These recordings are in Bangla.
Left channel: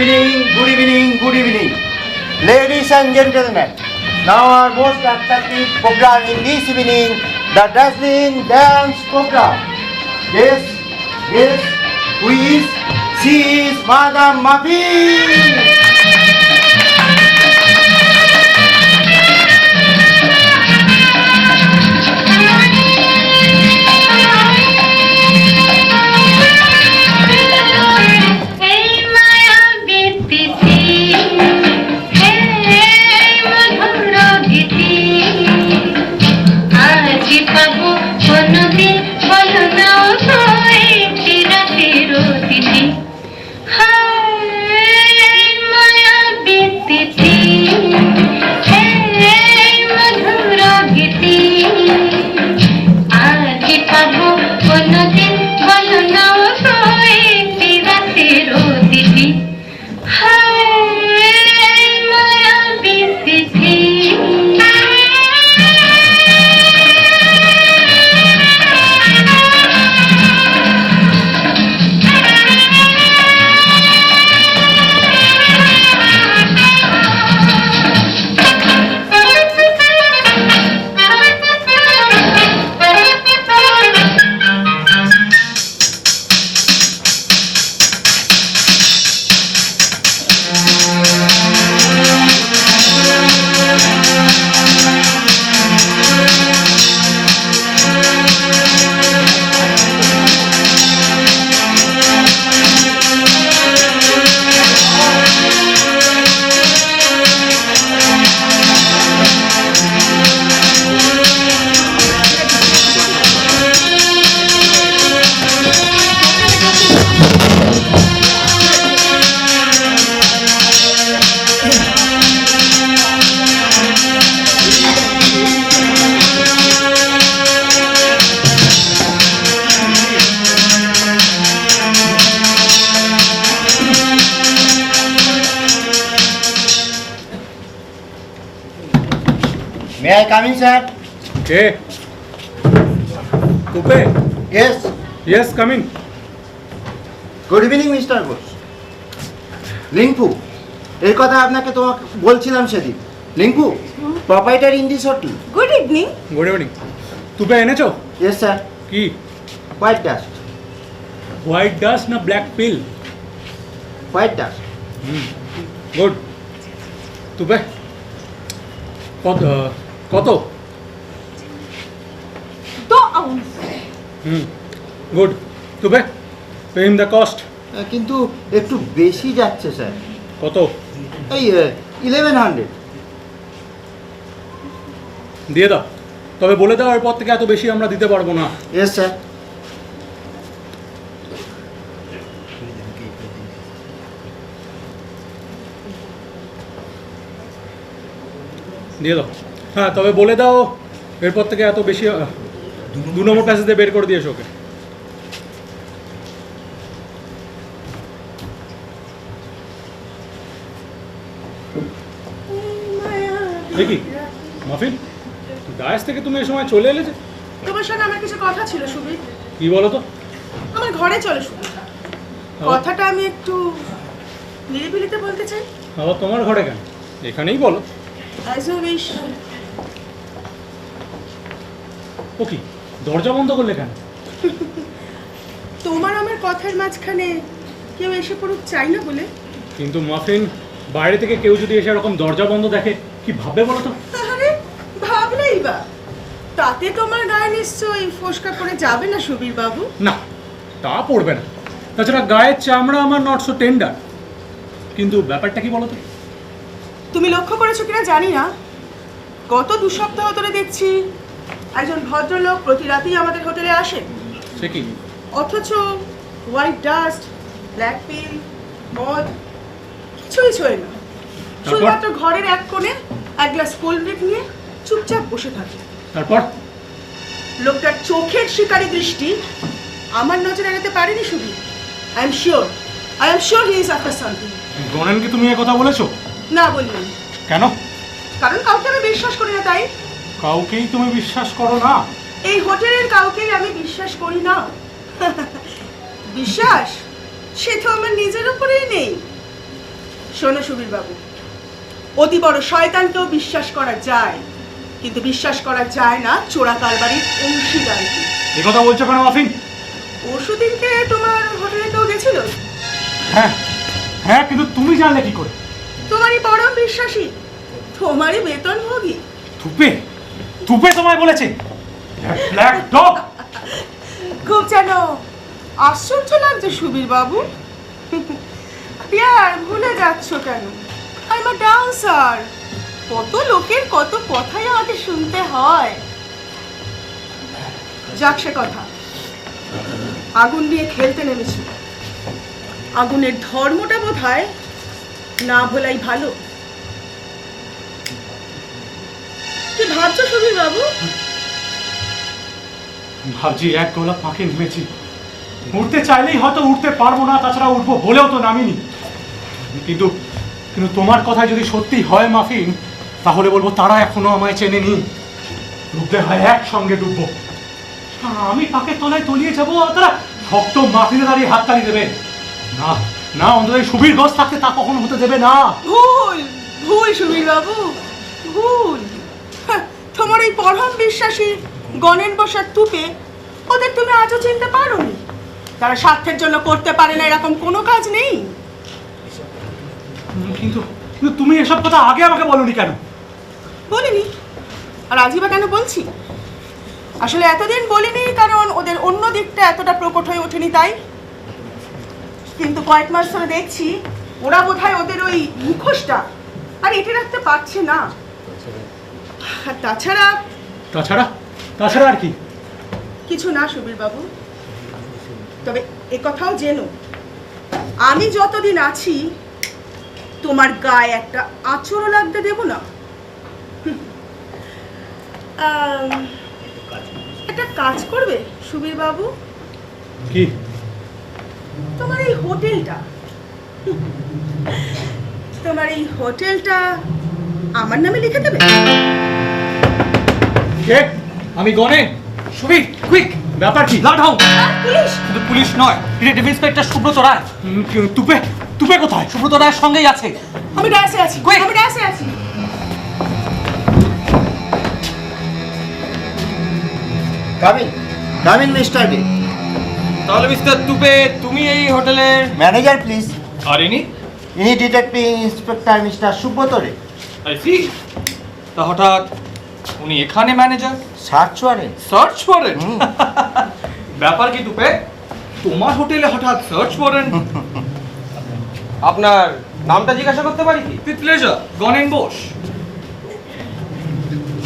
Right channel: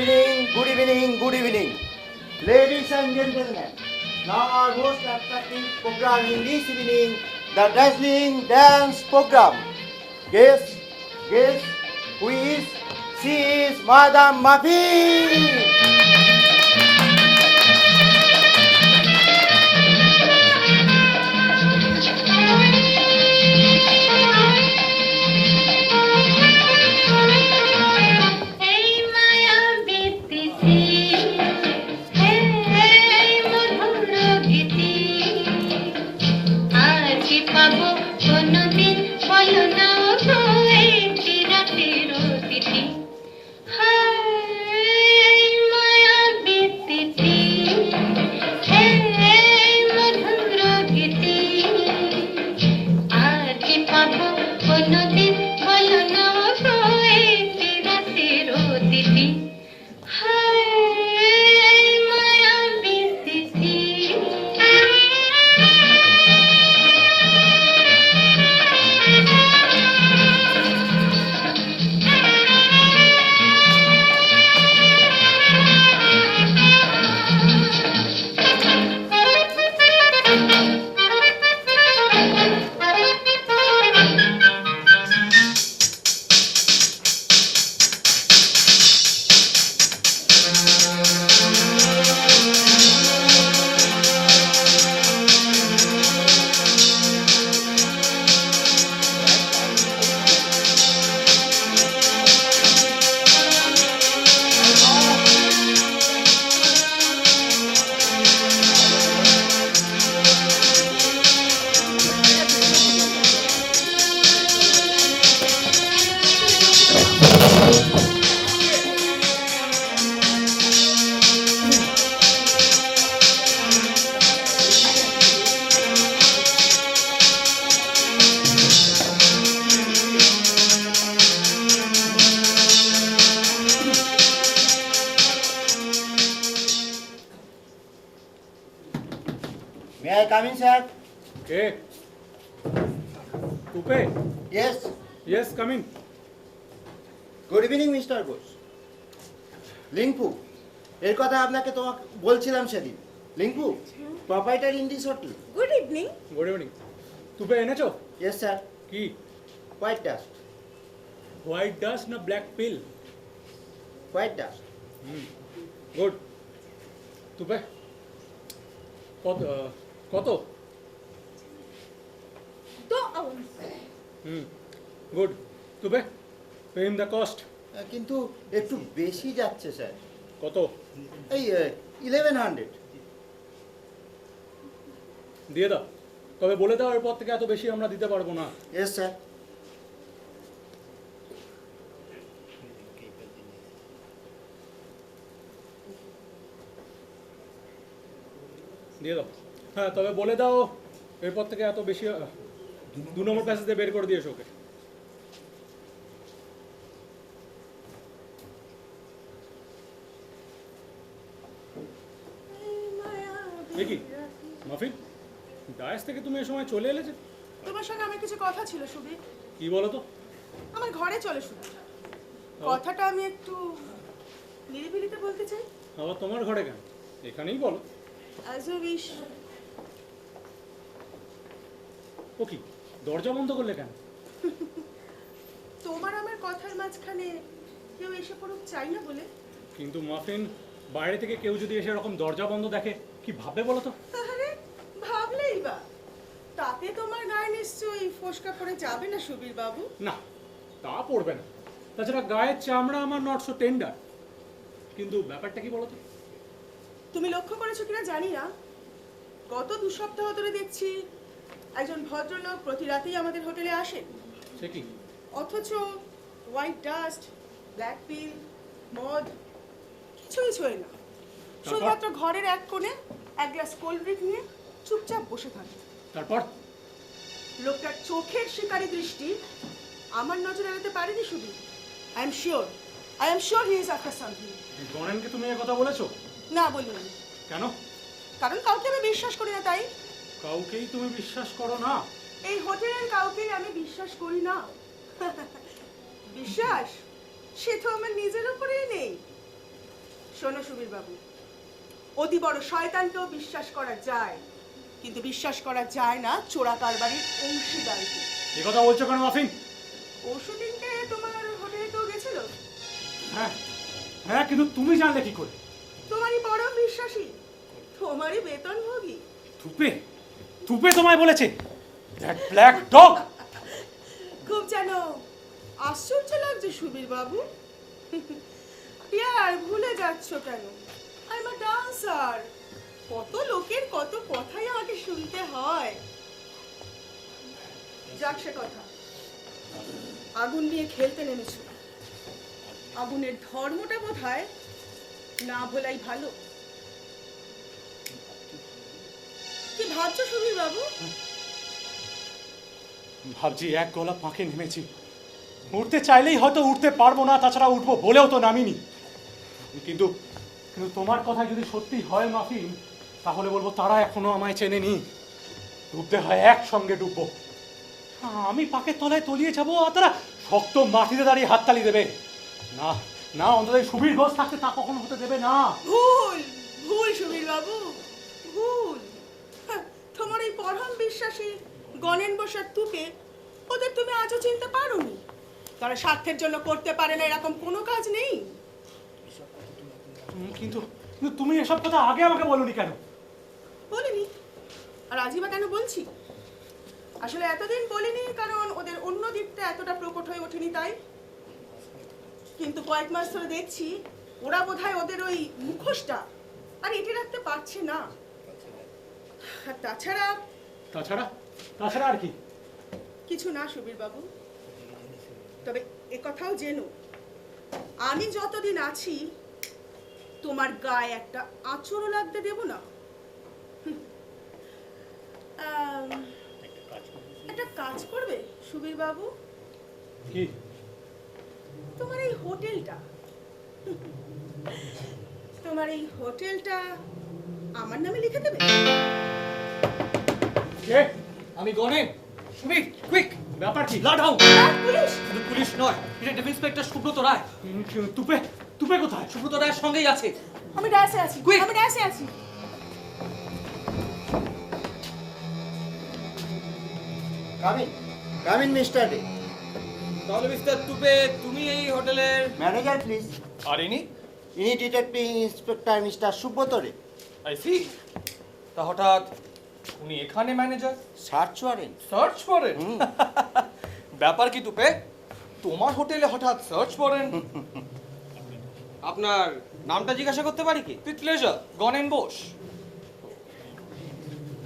Good evening. Ladies and gentlemen, now our most attractive program in this evening, the dazzling dance program. Yes, who is? She is Madam Muffin. May I come in, sir? Okay. Coupe? Yes. Yes, come in. Good evening, Mr. Ghosh. লিংকু এই কথা আপনাকে তো বলছিলাম সেদিন। Linku proprietor in this hotel. Good evening. Good evening. Tupe এনেছো? Yes sir. কি? White dust. হোয়াইট ডাস্ট না black pill? White dust. Good. Tupe কত কত? 2 ounce. Good. Tupe pay him the cost. কিন্তু একটু বেশি যাচ্ছে স্যার। কত? এই 1100। দিয়ে দাও। তবে বলে দাও এরপর থেকে এত বেশি আমরা দিতে পারবো না। Yes sir. দিয়ে দাও। হ্যাঁ তবে বলে দাও এরপর থেকে এত বেশি 2 নম্বর প্যাসেজে বের করে দিয়েছো ওকে। দেখি মাফিন দায়েশ থেকে তুমি এই সময় চলে এলে যে? তোমার সঙ্গে আমার কিছু কথা ছিল সুবীর। কি বলো তো? আমার ঘরে চলো সুবীর। কথাটা আমি একটু নিরিবিলিতে বলতে চাই। আবার তোমার ঘরে কেন? এখানেই বলো। As you wish. ও কি দরজা বন্ধ করলে কেন? তোমার আমার কথার মাঝখানে কেউ এসে পড়ুক চাই না বলে। কিন্তু মাফিন বাইরে থেকে কেউ যদি এসে এরকম দরজা বন্ধ দেখে কি ভাববে বলো তো? আরে ভাবলেই বা তাতে তোমার গায়ে নিশ্চয়ই ফোসকা পড়ে যাবে না সুবীর বাবু? না তা পড়বে না। তাছাড়া গায়ের চামড়া আমার নট সো টেন্ডার। কিন্তু ব্যাপারটা কি বলো তো? তুমি লক্ষ্য করেছো কিনা জানি না, গত 2 সপ্তাহ ধরে দেখছি একজন ভদ্রলোক প্রতি রাতেই আমাদের হোটেলে আসেন। সে কি? অথচ হোয়াইট ডাস্ট, ব্ল্যাক পিল, মদ কিছুই ছোঁয় না। শুধুমাত্র ঘরের এক কোণে এক গ্লাস কোল্ড ড্রিঙ্ক নিয়ে চুপচাপ বসে থাকে। তারপর লোকটার চোখের শিকারী দৃষ্টি আমার নজর এড়াতে পারেনি Subir. I am sure he is after something. গণেনকে তুমি এই কথা বলেছো? না বলিনি। কেন? কারণ কাউকে আমি বিশ্বাস করি না তাই। কাউকেই তুমি বিশ্বাস করো না? এই হোটেলের কাউকেই আমি বিশ্বাস করি না। বিশ্বাস সে তো আমার নিজের উপরেই নেই। শোনো সুবীর বাবু, অতি বড় শয়তানকেও বিশ্বাস করা যায়, কিন্তু বিশ্বাস করা যায় না চোরা কারবারির অংশীদারকে। এই কথা বলছো কেন মাফিন? পরশুদিনকে তোমার হোটেলে কেউ গেছিল? হ্যাঁ হ্যাঁ, কিন্তু তুমি জানলে কি করে? তোমারই পরম বিশ্বাসী, তোমারই বেতনভোগী। তুপে তুপে তোমায় বলেছে? Black dog! খুব যেন আশ্চর্য লাগছে সুবীর বাবু। আর ভুলে যাচ্ছ কেন? I am a dancer. কত লোকের কত কথাই আমাকে শুনতে হয়। যাক সে কথা, আগুন নিয়ে খেলতে নেমেছি। আগুনের ধর্মটা বোধহয় না ভোলাই ভালো। কি ভাবছো সুবীর বাবু? ভাবছি এক গোলা পাকে নেমেছি, উঠতে চাইলেই হয়তো উঠতে পারবো না, তাছাড়া উঠবো বলেও তো নামিনি। কিন্তু কিন্তু তোমার কথা যদি সত্যি হয় মাফিন, তাহলে বলবো তারা এখনো আমায় চেনেনি। ডুবতে হয় একসঙ্গে ডুববো। আমি পাকে তলায় তলিয়ে যাবো আর তারা শক্ত মাটিতে দাঁড়িয়ে হাততালি দেবে। না না, অন্তত এই সুবীর ঘোষ থাকতে তা কখনো হতে দেবে না। ভুল ভুল সুবীর বাবু, ভুল। হ্যাঁ, তোমার এই পরম বিশ্বাসী গণেন বসার তুপে ওদের তুমি আজও চিনতে পারোনি। তারা স্বার্থের জন্য করতে পারে না এরকম কোনো কাজ নেই। কিন্তু কিন্তু তুমি এসব কথা আগে আমাকে বলোনি কেন? বলিনি, আর আজই বা কেন বলছি? আসলে এতদিন বলিনি কারণ ওদের অন্য দিকটা এতটা প্রকট হয়ে ওঠেনি তাই। কিন্তু কয়েক মাস ধরে দেখছি ওরা বোধহয় ওদের ওই মুখোশটা আর এঁটে রাখতে পারছে না। আর তাছাড়া তাছাড়া তাছাড়া আর কি? কিছু না সুবীর বাবু, তবে একথাও জেনো, আমি যতদিন আছি তোমার গায়ে একটা আঁচড়ও লাগতে দেব না। একটা কাজ করবে সুবীর বাবু? কি? তোমার এই হোটেলটা, তোমার এই হোটেলটা আমার নামে লিখে দেবে। কে? আমি গণেন। সুবীর, কুইক! ব্যাপার কি? Loud how! পুলিশ! কিন্তু পুলিশ নয়, ডিটেকটিভ ইন্সপেক্টর সুব্রত রায়। তুপে তুপে কোথায়? সুব্রত রায়ের সঙ্গেই আছে। আমি ডাসে আছি, Quick! আমি ডাসে আছি। Come in, Mr. D. তাহলে মিস্টার তুপে, তুমি এই হোটেলের Manager, please. আর ইনি? ইনি detective inspector mister Subrata Ray. I see. তা হঠাৎ উনি এখানে manager? Search warrant. Search warrant? ব্যাপার কি তুপে, তোমার হোটেলে হঠাৎ সার্চ ওয়ারেন্ট? আপনার নামটা জিজ্ঞাসা করতে পারি কি? With pleasure, Ganen Bose.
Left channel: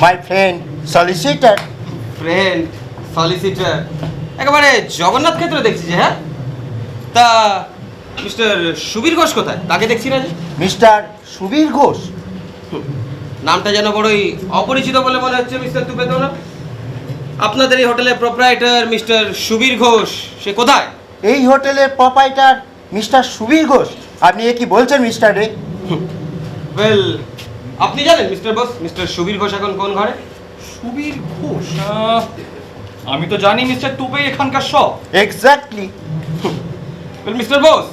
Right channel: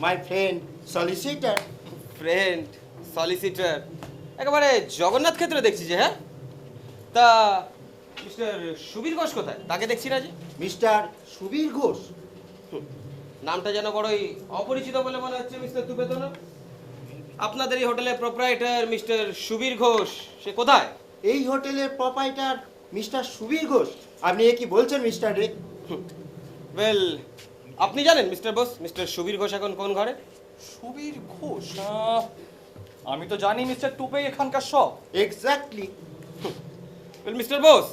My friend solicitor. Friend, solicitor, একেবারে জগন্নাথ ক্ষেত্রে দেখছি যে। হ্যাঁ, তা মিস্টার সুবীর ঘোষ কোথায়? তাকে দেখছি না যে। মিস্টার সুবীর ঘোষ। নামটা যেন বড়ই অপরিচিত বলে মনে হচ্ছে মিস্টার তুপে। তো না, আপনাদের এই হোটেলের প্রোপ্রাইটার মিস্টার সুবীর ঘোষ সে কোথায়? এই হোটেলের প্রোপাইটার মিস্টার সুবীর ঘোষ। আপনি এ কি বলছেন মিস্টার রে? ওয়েল, আপনি জানেন mister boss, mister Subir Ghosh এখন কোন ঘরে? সুবীর ঘোষ? আমি তো জানি মিস্টার তুপে এখানকার সব। এক্স্যাক্টলি। ওয়েল মিস্টার বস,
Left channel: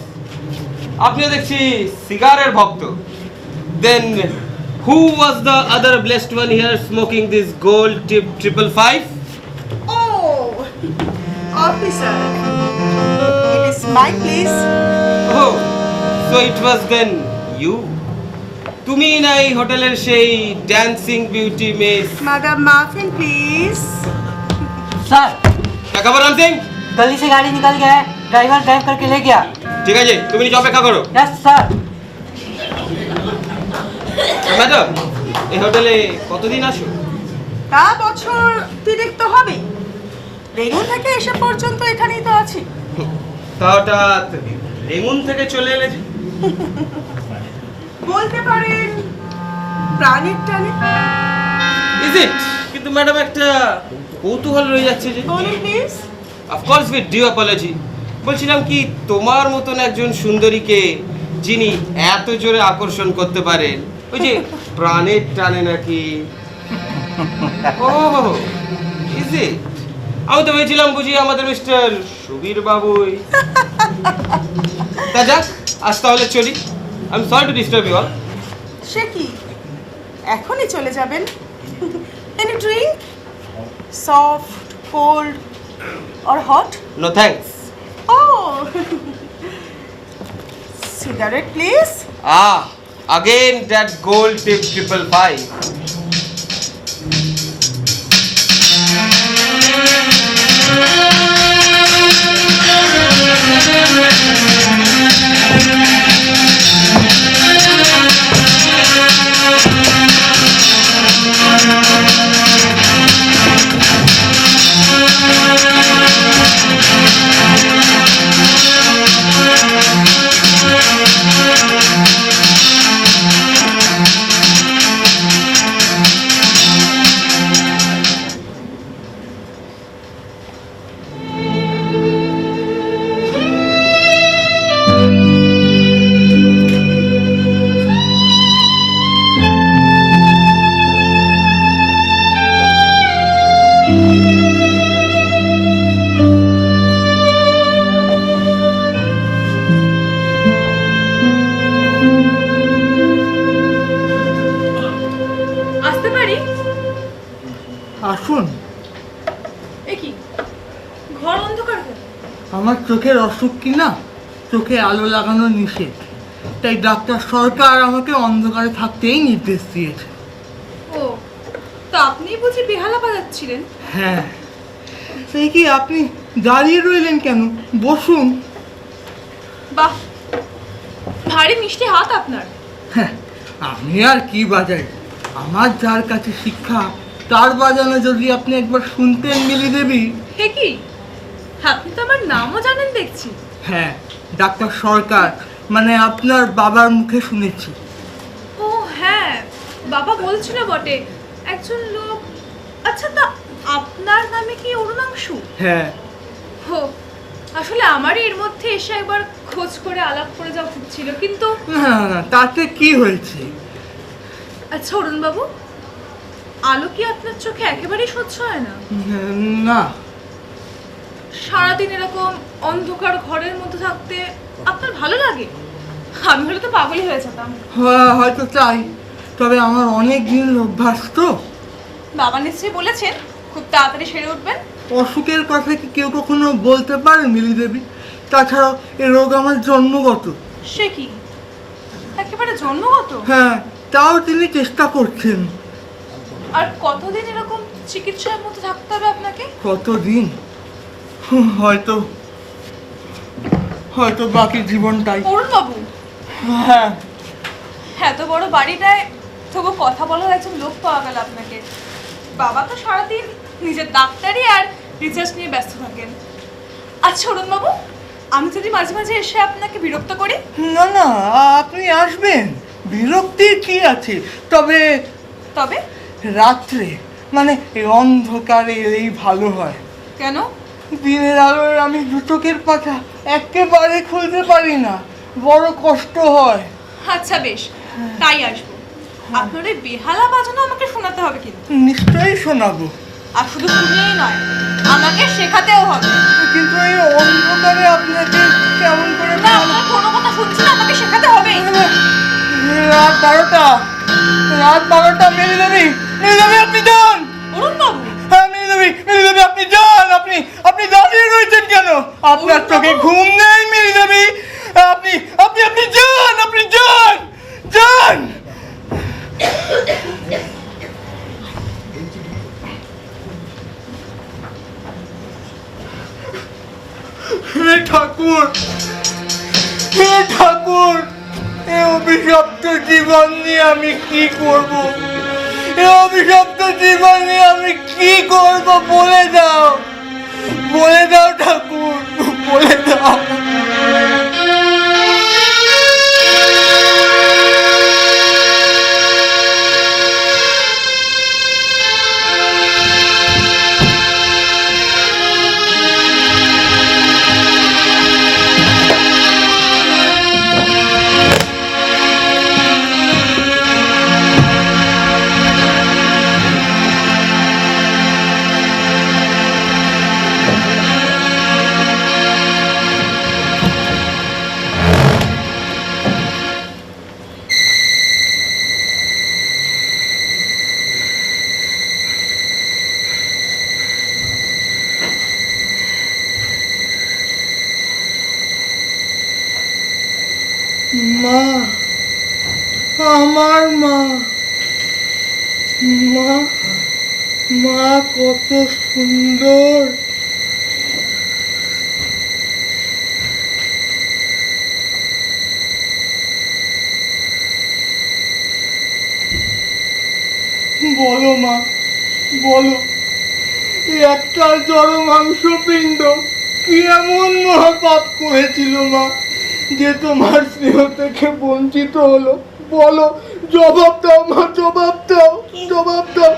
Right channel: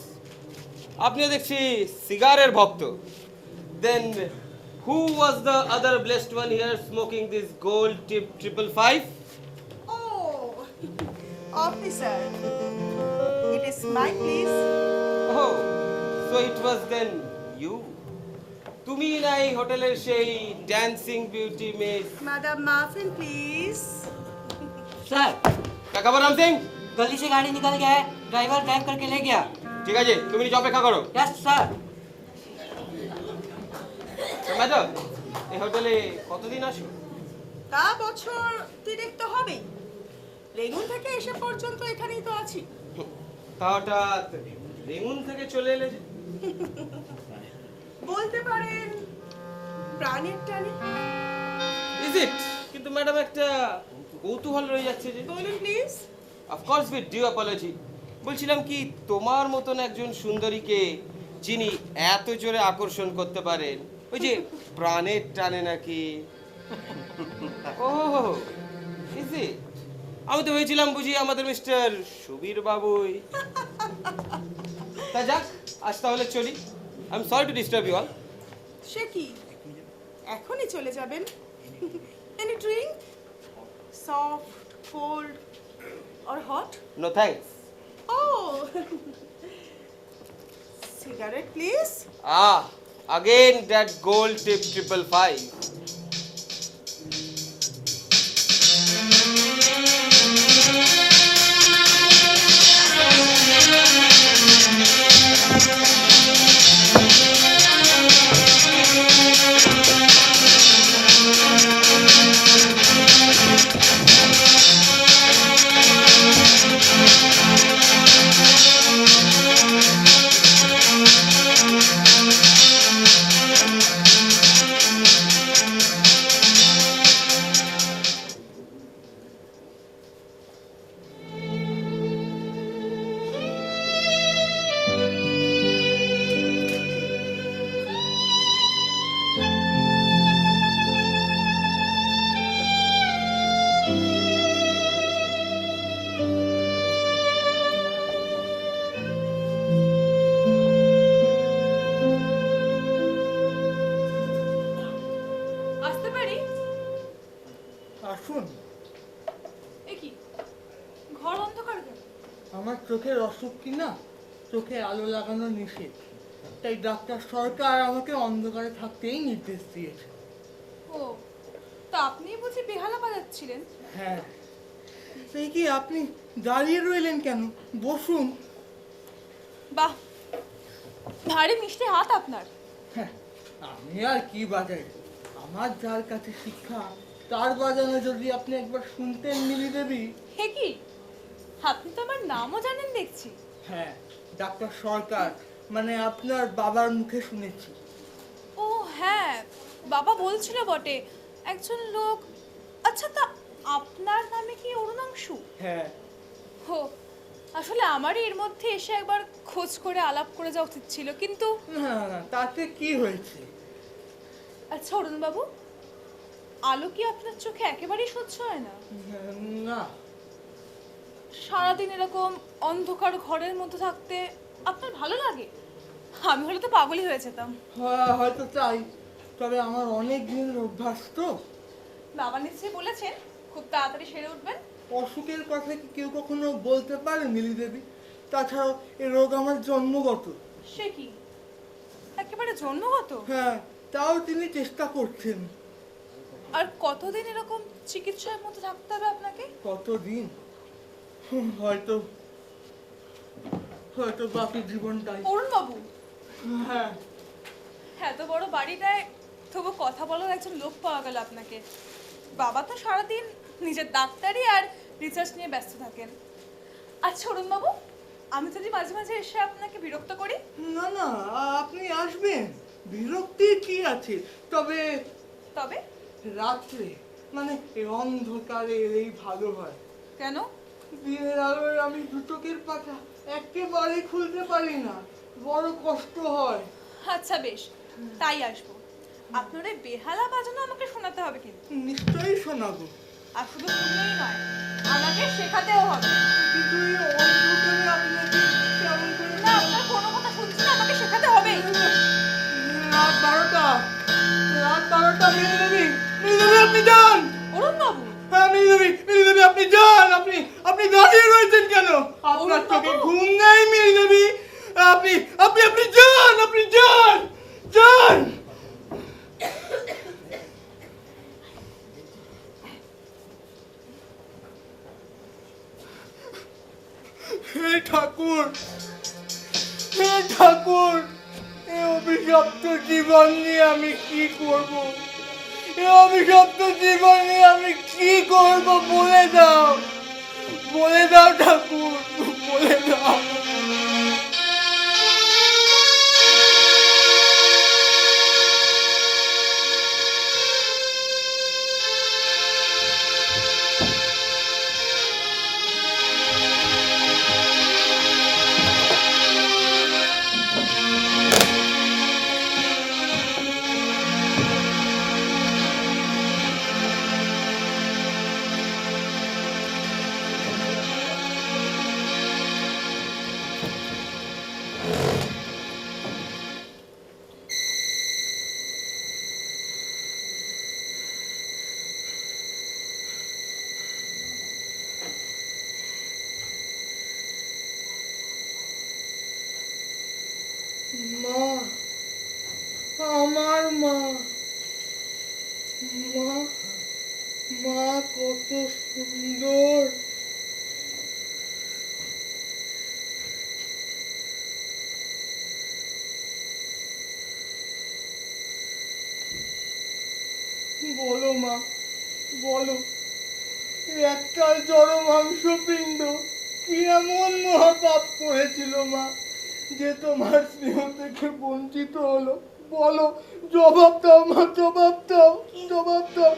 আপনিও দেখছি সিগারের ভক্ত। Then who was the other blessed one here smoking this gold tip 555? Oh, officer, it is my place. Oh, so it was then you? তুমি না এই হোটেলের সেই dancing beauty miss? Madam Muffin, please. Sir, क्या खबर राम सिंह? गली से गाड़ी निकल गया है, ड्राइवर ड्राइव करके ले गया। ঠিক আছে, তুমি নিচে অপেক্ষা করো। Yes sir. ম্যাডাম, এই হোটেলে কতদিন আসো? তা বছর 3 তো হবে। রেগুন থেকে এসে পর্যন্ত এখানেই তো আছি। তা হঠাৎ রেমুন থেকে চলে এলে যে? বলতে পারেন প্রাণের টানে। Is it? কিন্তু ম্যাডাম একটা কৌতূহল রয়ে যাচ্ছে যে। বলুন please. Of course with due apology. বলছিলাম কি, তোমার মতন একজন সুন্দরীকে যিনি এত জোরে আকর্ষণ করতে পারেন, ওই যে প্রাণের টানে নাকি? ও ইজ ইট? আমি তো ভেবেছিলাম বুঝি আমাদের মিস্টার সুবীর বাবুই। তা যাক, আজ তাহলে চলি। I am sorry to disturb you all. সে কি এখনই চলে যাবেন? Any drink, soft, cold or hot? No thanks. Oh cigarette please. Again that gold tip 555. আসতে পারি? আসুন। এ কি ঘর অন্ধকার কেন? আমার চোখের অসুখ কি না, চোখে আলো লাগানো নিষেধ, তাই ডাক্তার সরকার আমাকে অন্ধকারে থাকতেই নির্দেশ দিয়েছে। ও, তা আপনি বুঝি বেহালা বাজাচ্ছিলেন? হ্যাঁ, সেই কি আপনি দাঁড়িয়ে রইলেন কেন? বসুন। বাহ, ভারী মিষ্টি হাত আপনার। হ্যাঁ, আমি আর কি বাজাই, আমার যার কাছে শিক্ষা তার বাজানো যদি আপনি একবার শুনতেন মিলি দেবী। হে কি, আপনি তো আমার নামও জানেন দেখছি। হ্যাঁ, ডাক্তার সরকার, মানে আপনার বাবার মুখে শুনেছি। ও হ্যাঁ, বাবা বলছিল বটে একজন লোক। আচ্ছা, তা আপনার নামে কি অরুণাংশু? হ্যাঁ। হো, আসলে আমারই এর মধ্যে এসে একবার খোঁজ করে আলাপ করে যাওয়া উচিত ছিল, কিন্তু না না, তাতে কি হয়েছে? আচ্ছা অরুণবাবু, আলো কি আপনার চোখে একেবারেই সহ্য হয় না? না। সারাদিন এরকম অন্ধকার ঘরের মধ্যে থাকতে আপনার ভালো লাগে? আমি হলে তো পাগলই হয়ে যেতাম। হয়তো তাই, তবে আমার অনেক দিনের অভ্যাস তো। বাবা নিশ্চয়ই বলেছেন খুব তাড়াতাড়ি সেরে উঠবেন। অসুখের কথা কি কেউ কখনো বলতে পারে মিলি দেবী? তাছাড়াও এ রোগ আমার জন্মগত। সে কি, একেবারে জন্মগত? হ্যাঁ, তাও তিনি চেষ্টা করছেন। আর কতদিন এরকম চিকিৎসার মধ্যে থাকতে হবে আপনাকে? কতদিন? হয়তো হয়তো বাকি জীবনটাই। অরুণবাবু, হ্যাঁ। এত বড় বাড়িটায় তবু কথা বলার একজন লোক পাওয়া গেল আপনাকে। বাবা তো সারাদিন নিজের ডাক্তারি আর রিসার্চ নিয়ে ব্যস্ত থাকেন। আচ্ছা অরুণবাবু, আমি যদি মাঝে মাঝে এসে আপনাকে বিরক্ত করি? না না, আপনি আসবেন, বিরক্তির কি আছে? তবে তবে রাত্রে, মানে এই অন্ধকারে এলেই ভালো হয়। কেন? দিনের আলোয় আমি দু চোখের পাতা একেবারে খুলতে পারি না, বড় কষ্ট হয়। আচ্ছা বেশ, তাই আসবো। আপনার ওই বেহালা বাজানো আমাকে শোনাতে হবে কিন্তু। নিশ্চয়ই শোনাবো। আর শুধু শুনেই নয়, আমাকে শেখাতেও হবে। কিন্তু এই অন্ধকারে আপনাকে কেমন করে? না, আপনার কোনো কথা শুনছি না, আমাকে শেখাতে হবে। রাত 12টা, রাত 12টা। মিলি দেবী, মিলি দেবী আপনি যান। অরুণবাবু, হ্যাঁ মিলি দেবী, মিলি দেবী আপনি যান। আপনি দাঁড়িয়ে রয়েছেন কেন? আপনার চোখে ঘুম নেই মিলি দেবী? আপনি আপনি আপনি যান, আপনি যান, যান। হে ঠাকুর, হে ঠাকুর, এই অভিশপ্ত জীবন নিয়ে আমি কি করব? এই অভিশপ্ত জীবন নিয়ে আমি কি করব? বলে দাও, বলে দাও ঠাকুর, বলে দাও। আমার মা, মা, মা কত সুন্দর। বলো মা, বলো, একটা জড় মাংসপিণ্ড কি এমন মহাপাপ করেছিল মা যে তোমার স্নেহ থেকে বঞ্চিত হলো? বলো, জবাব দাও মা, জবাব দাও, জবাব দাও।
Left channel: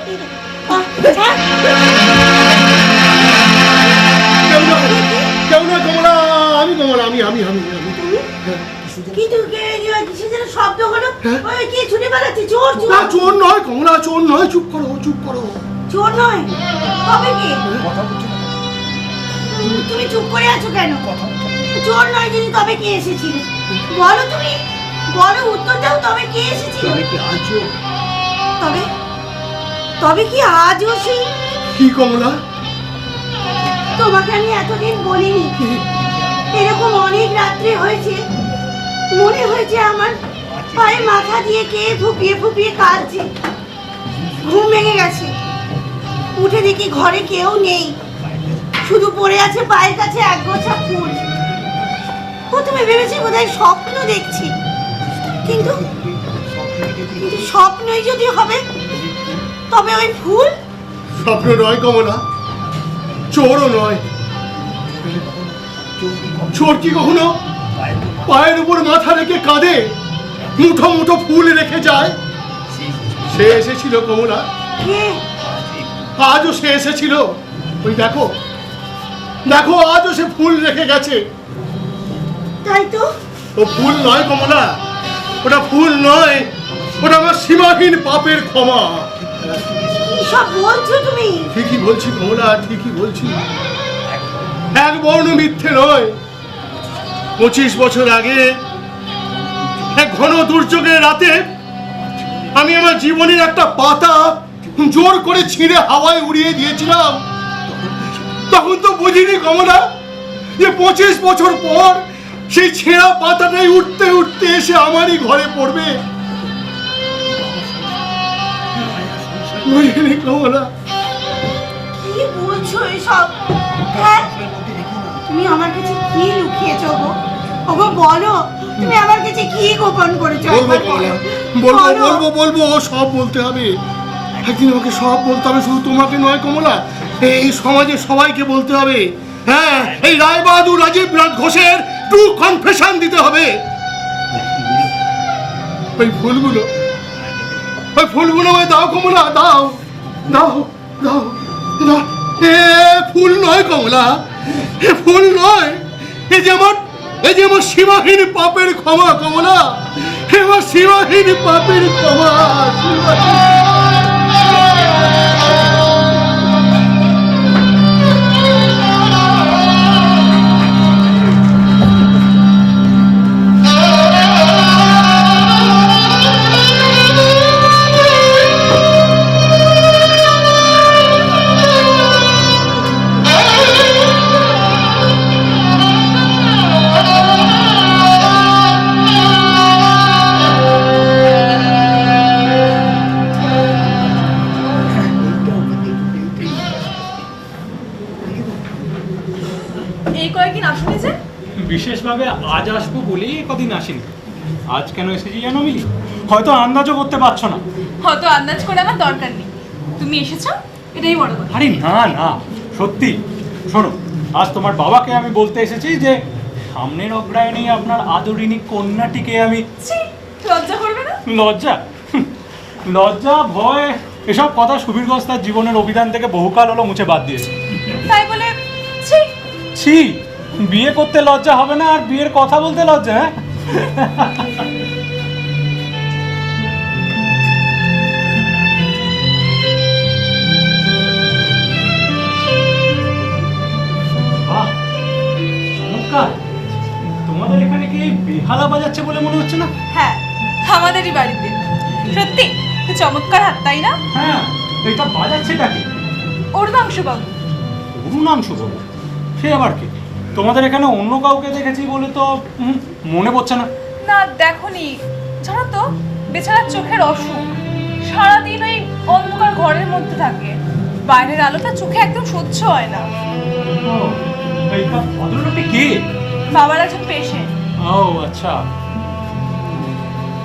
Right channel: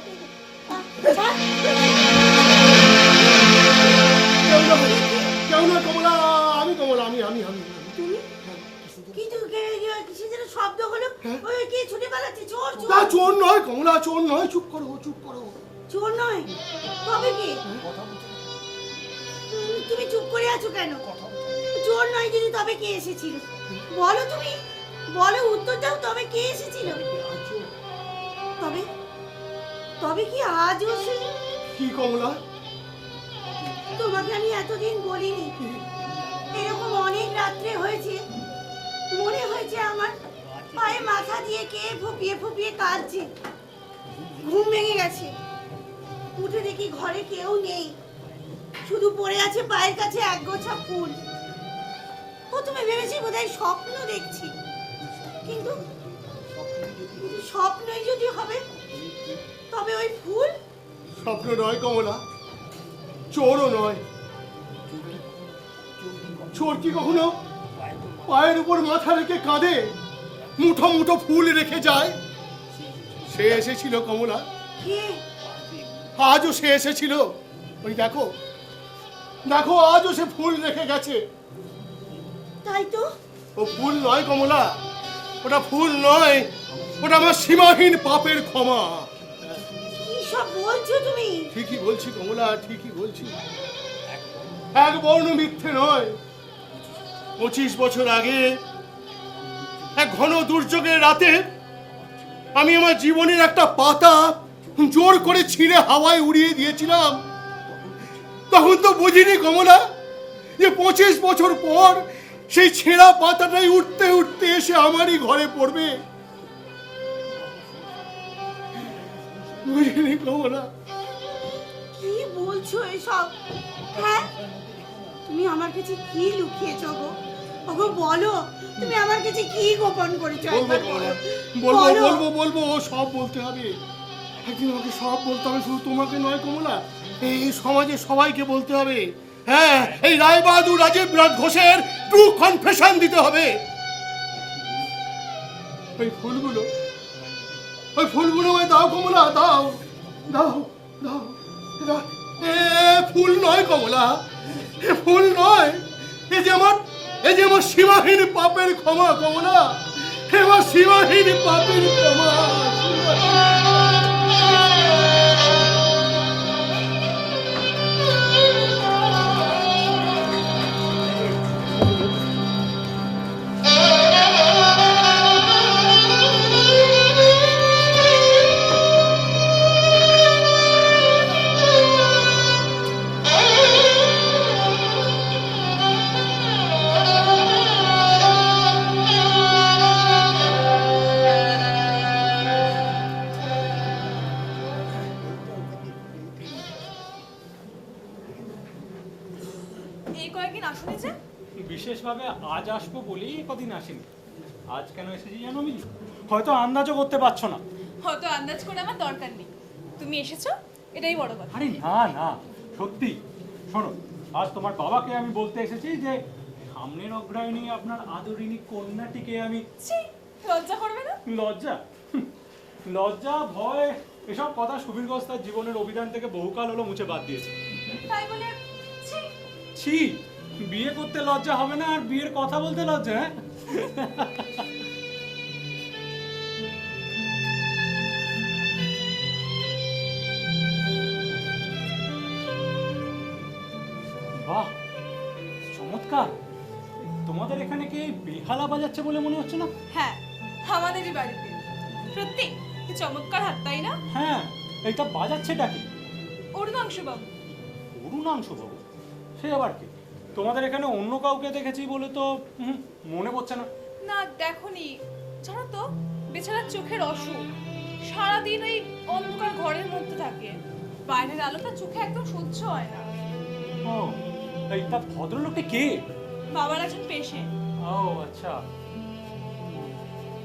আমি কমলা, আমি কিন্তু কিসে যেন শব্দ হলো, ওই কি ছুটে বেড়াচ্ছে? চোর, চোর। না, চোর নয় কমলা, চোর নয়। চুপ করো, চুপ করো। চোর নয়, তবে কি? তুমি চুপ করে আছো কেন? চোর নয় যদি তবে কে এসেছিল? বলো তুমি, বলো, উত্তর দাও, তবে কে এসেছিল? তবে তবে কি আজও সেই? কি কমলা? তোমাকে আমি এতদিন বলিনি, এরকম অনেক রাত্রে হয়েছে, মনে হয়েছে আমার পায়ে মাথা দিয়ে কে ফুপিয়ে ফুপিয়ে কাঁদছে। ঘুম ভেঙে গেছে, উঠে দেখি ঘরে কেউ নেই, শুধু পড়ে আছে পায়ের কাছে এক গোছা ফুল। প্রথমে ভেবেছি বোধহয় স্বপ্ন দেখছি, কিন্তু স্বপ্নই যদি হবে তবে ওই ফুল স্বপ্ন নয় কমলা, চোরও নয়। চোর কি কখনো পায়ের উপর মাথা রেখে কাঁদে, মুঠো মুঠো ফুল রেখে যায়? সে এসেছিল কমলা, কে? আজও সে এসেছিল। ওই দেখো, দেখো, আজও সে ফুল রেখে গেছে। তাই তো। ও ফুল নয় কমলা, ওটা ফুল নয়, ওটা আমার সীমাহীন পাপের ক্ষমা। কি সব বলছো তুমি? ঠিকই বলছি কমলা, ঠিকই বলছি, এক বর্ণ মিথ্যে নয়। 25 বছর আগে এক ঘন দুর্যোগের রাতে আমি আমার জীবনের একটা পাতা জোর করে ছিঁড়ে হাওয়ায় উড়িয়ে দিয়েছিলাম। তখন তো বুঝিনি কমলা যে 25 বছর পর সেই ছেঁড়া পাতাটাই উঠতে উঠতে এসে আমারই ঘরে পড়বে। বুঝিনি কমলা। কি বলছো এসব? হ্যাঁ, তুমি আমার কাছে কি লুকিয়েছো গো? ওগো বলো, তুমি আমার কাছে কি গোপন করেছো? বলবো একবার কমলা, বলো। বলবো বলো। বলবো বলবো, ও সব বলতে হবে। একদিন আমাকে সব বলতে হবে, শুধু তোমাকে নয় কমলা, এই সমাজে সবাইকে বলতে হবে। হ্যাঁ, এই রায়বাহাদুর রাজীব রাজ ঘোষের টু কনফেশন দিতে হবে। ওই ফুলগুলো, ওই ফুলগুলো আমায় দাও কমলা, দাও দাও দাও দাও। এ ফুল নয় কমলা, এ ফুল নয়, এ যে আমার, এই যে আমার সীমাহীন পাপের ক্ষমা কমলা, আমার সীমাহীন পাপের ক্ষমা, এই কয়েকদিন আসুনি যে? বিশেষভাবে আজ আসবো বলেই কদিন আসিনি। আজ কেন এসেছি জানো মিলি? হয়তো আন্দাজও করতে পারছো না। হয়তো আন্দাজ করে আমার দরকার নেই, তুমি এসেছো, এটাই বড় কথা। আরে না না, সত্যি। শোনো, আজ তোমার বাবাকে আমি বলতে এসেছি যে সামনের অগ্রায়ণেই আপনার আদরিনী কন্যাটিকে আমি। ছি, লজ্জা করবে না? লজ্জা? লজ্জা ভয় এসব কথা সুবীর ঘোষ তার জীবনের অভিধান থেকে বহুকাল হলো মুছে বাদ দিয়েছে। তাই বলে ছি? ছি, বিয়ে করতে লজ্জা হবে না আর বিয়ের কথা বলতে লজ্জা? হ্যাঁ, বাহ, চমৎকার। তোমাদের এখানে কি বেহালা বাজাচ্ছে বলে মনে হচ্ছে না? হ্যাঁ, আমাদেরই বাড়িতে। সত্যি চমৎকার হাত, তাই না? হ্যাঁ, এটা বাজাচ্ছেটা কি? অরুণাংশু বাবু। অরুণাংশু বাবু? সে আবার কি? তোমাদের এখানে অন্য কাউকে দেখেছি বলে তো মনে পড়ছে না। না দেখোনি, জানো তো বেচারার চোখের অসুখ, সারাদিন ওই অন্ধকার ঘরের মধ্যে থাকে, বাইরের আলোটা চোখে একদম সহ্য হয় না। ও, এই ভদ্রলোকটা কে? বাবার একজন পেশেন্ট। ও আচ্ছা।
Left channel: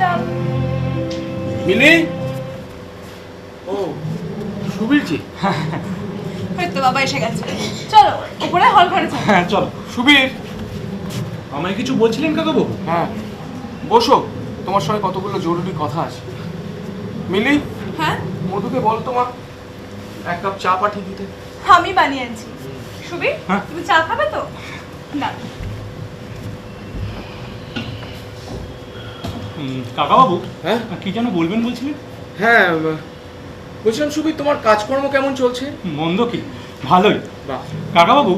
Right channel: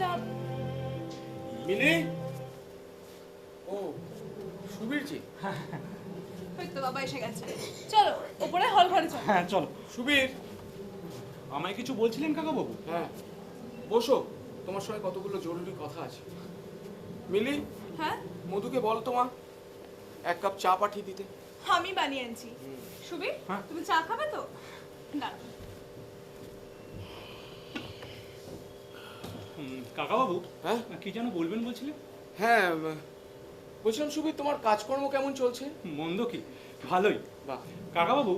তা মিলি, ও সুবীর জি। ওই তো বাবা এসে গেছে, চলো উপরে হল ঘরে চলো। হ্যাঁ চলো। সুবীর, আমায় কিছু বলছিলেন কাকাবু? হ্যাঁ বসো, তোমার সঙ্গে কতগুলো জরুরি কথা আছে। মিলি, হ্যাঁ, মধুকে বল তোমার এক কাপ চা পাঠিয়ে দিতে। আমি বানিয়ে আনছি। সুবীর, হ্যাঁ? তুমি চা খাবে তো? না। কাকাবাবু, হ্যাঁ কি যেন বলবেন বলছিলেন? হ্যাঁ, বলছিলাম সুবীর, তোমার কাজকর্ম কেমন চলছে? মন্দ কি, ভালোই। বাহ, কাকাবাবু,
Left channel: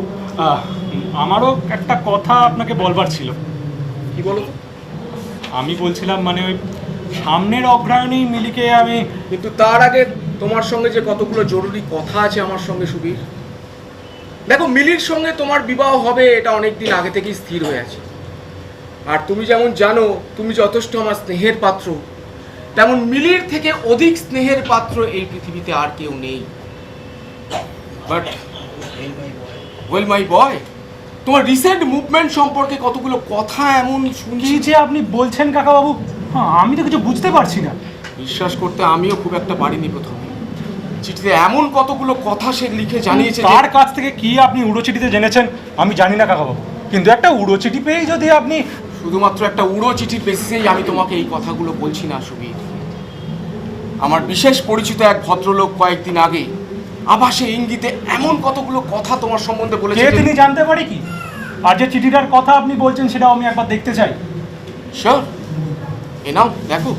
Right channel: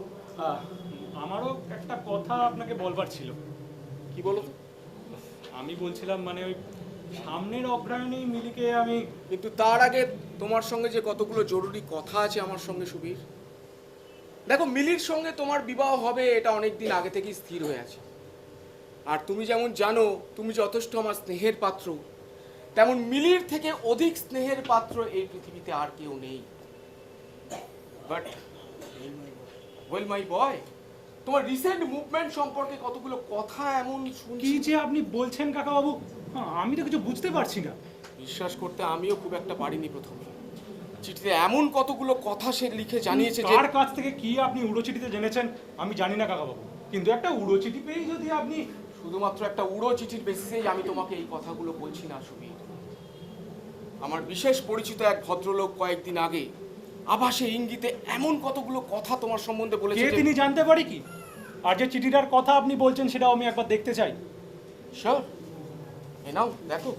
আমারও একটা কথা আপনাকে বলবার ছিল। কি বলো তো? আমি বলছিলাম মানে ওই সামনের অগ্রহায়ণী মিলিকে আমি কিন্তু তার আগে তোমার সঙ্গে যে কতগুলো জরুরি কথা আছে আমার সঙ্গে সুবীর। দেখো, মিলির সঙ্গে তোমার বিবাহ হবে এটা অনেকদিন আগে থেকেই স্থির হয়ে আছে। আর তুমি যেমন জানো তুমি যথেষ্ট আমার স্নেহের পাত্র, তেমন মিলির থেকে অধিক স্নেহের পাত্র এই পৃথিবীতে আর কেউ নেই। বাট ওয়েল মাই বয়, তোমার রিসেন্ট মুভমেন্ট সম্পর্কে কতগুলো কথা এমন শুনছি কি যে আপনি বলছেন কাকাবাবু, আমি তো কিছু বুঝতে পারছি না। বিশ্বাস করতে আমিও খুব একটা পারিনি প্রথমে। চিঠিতে এমন কতগুলো কথা সে লিখে জানিয়েছে। তার কাছ থেকে কি আপনি উড়ো চিঠিতে জেনেছেন আমি জানি না কাকাবাবু, কিন্তু একটা উড়ো চিঠি পেয়েই যদি আপনি... শুধুমাত্র একটা উড়ো চিঠির বেসিসেই আমি তোমাকে এই কথাগুলো বলছি না সুবীর। আমার বিশেষ পরিচিত এক ভদ্রলোক কয়েকদিন আগে আভাসে ইঙ্গিতে এমন কতগুলো কথা তোমার সম্বন্ধে কে বলেছে। তিনি জানতে পারি কি? আর যে চিঠিটার কথা আপনি বলছেন সেটাও আমি একবার দেখতে চাই। শিওর, এ নাও দেখো।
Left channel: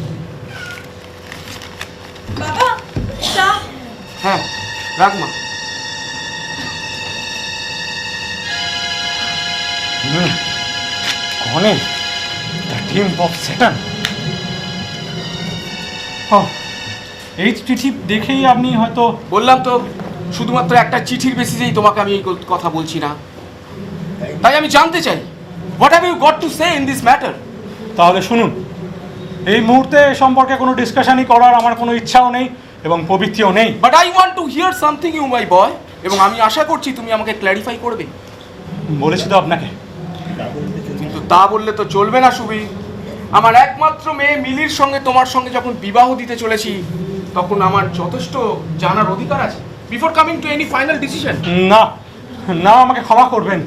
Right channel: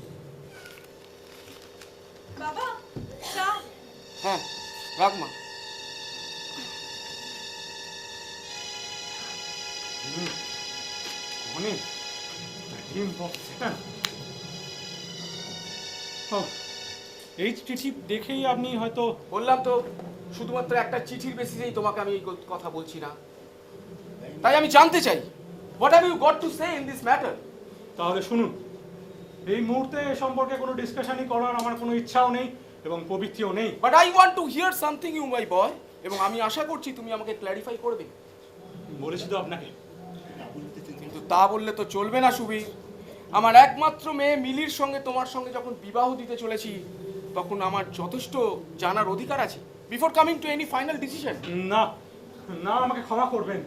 বাবা চা। হ্যাঁ রাখ মা। কনে দ্য টিম অফ স্যাটার্ন। ও, এই চিঠি দেখেই আপনি হয়তো... বললাম তো, শুধুমাত্র একটা চিঠির বেসিসেই তোমাকে আমি এই কথা বলছি না। তাই আমি জানতে চাই, what have you got to say in this matter? তাহলে শুনুন, এই মুহূর্তে এ সম্পর্কে কোনো ডিসকাশনই করার আমার কোনো ইচ্ছাও নেই এবং প্রবৃত্তিও নেই। But I want to hear something you my boy, এবং আমি আশা করছি তুমি আমাকে ক্ল্যারিফাই করবে। বলেছি তো আপনাকে। কিন্তু তা বললে তো চলবে না সুবীর। আমার একমাত্র মেয়ে মিলির সঙ্গে তোমার সঙ্গে যখন বিবাহ দিতে চলেছি, তখন আমার যথেষ্ট জানার অধিকার আছে before coming to any final decision. না না, আমাকে ক্ষমা করবেন,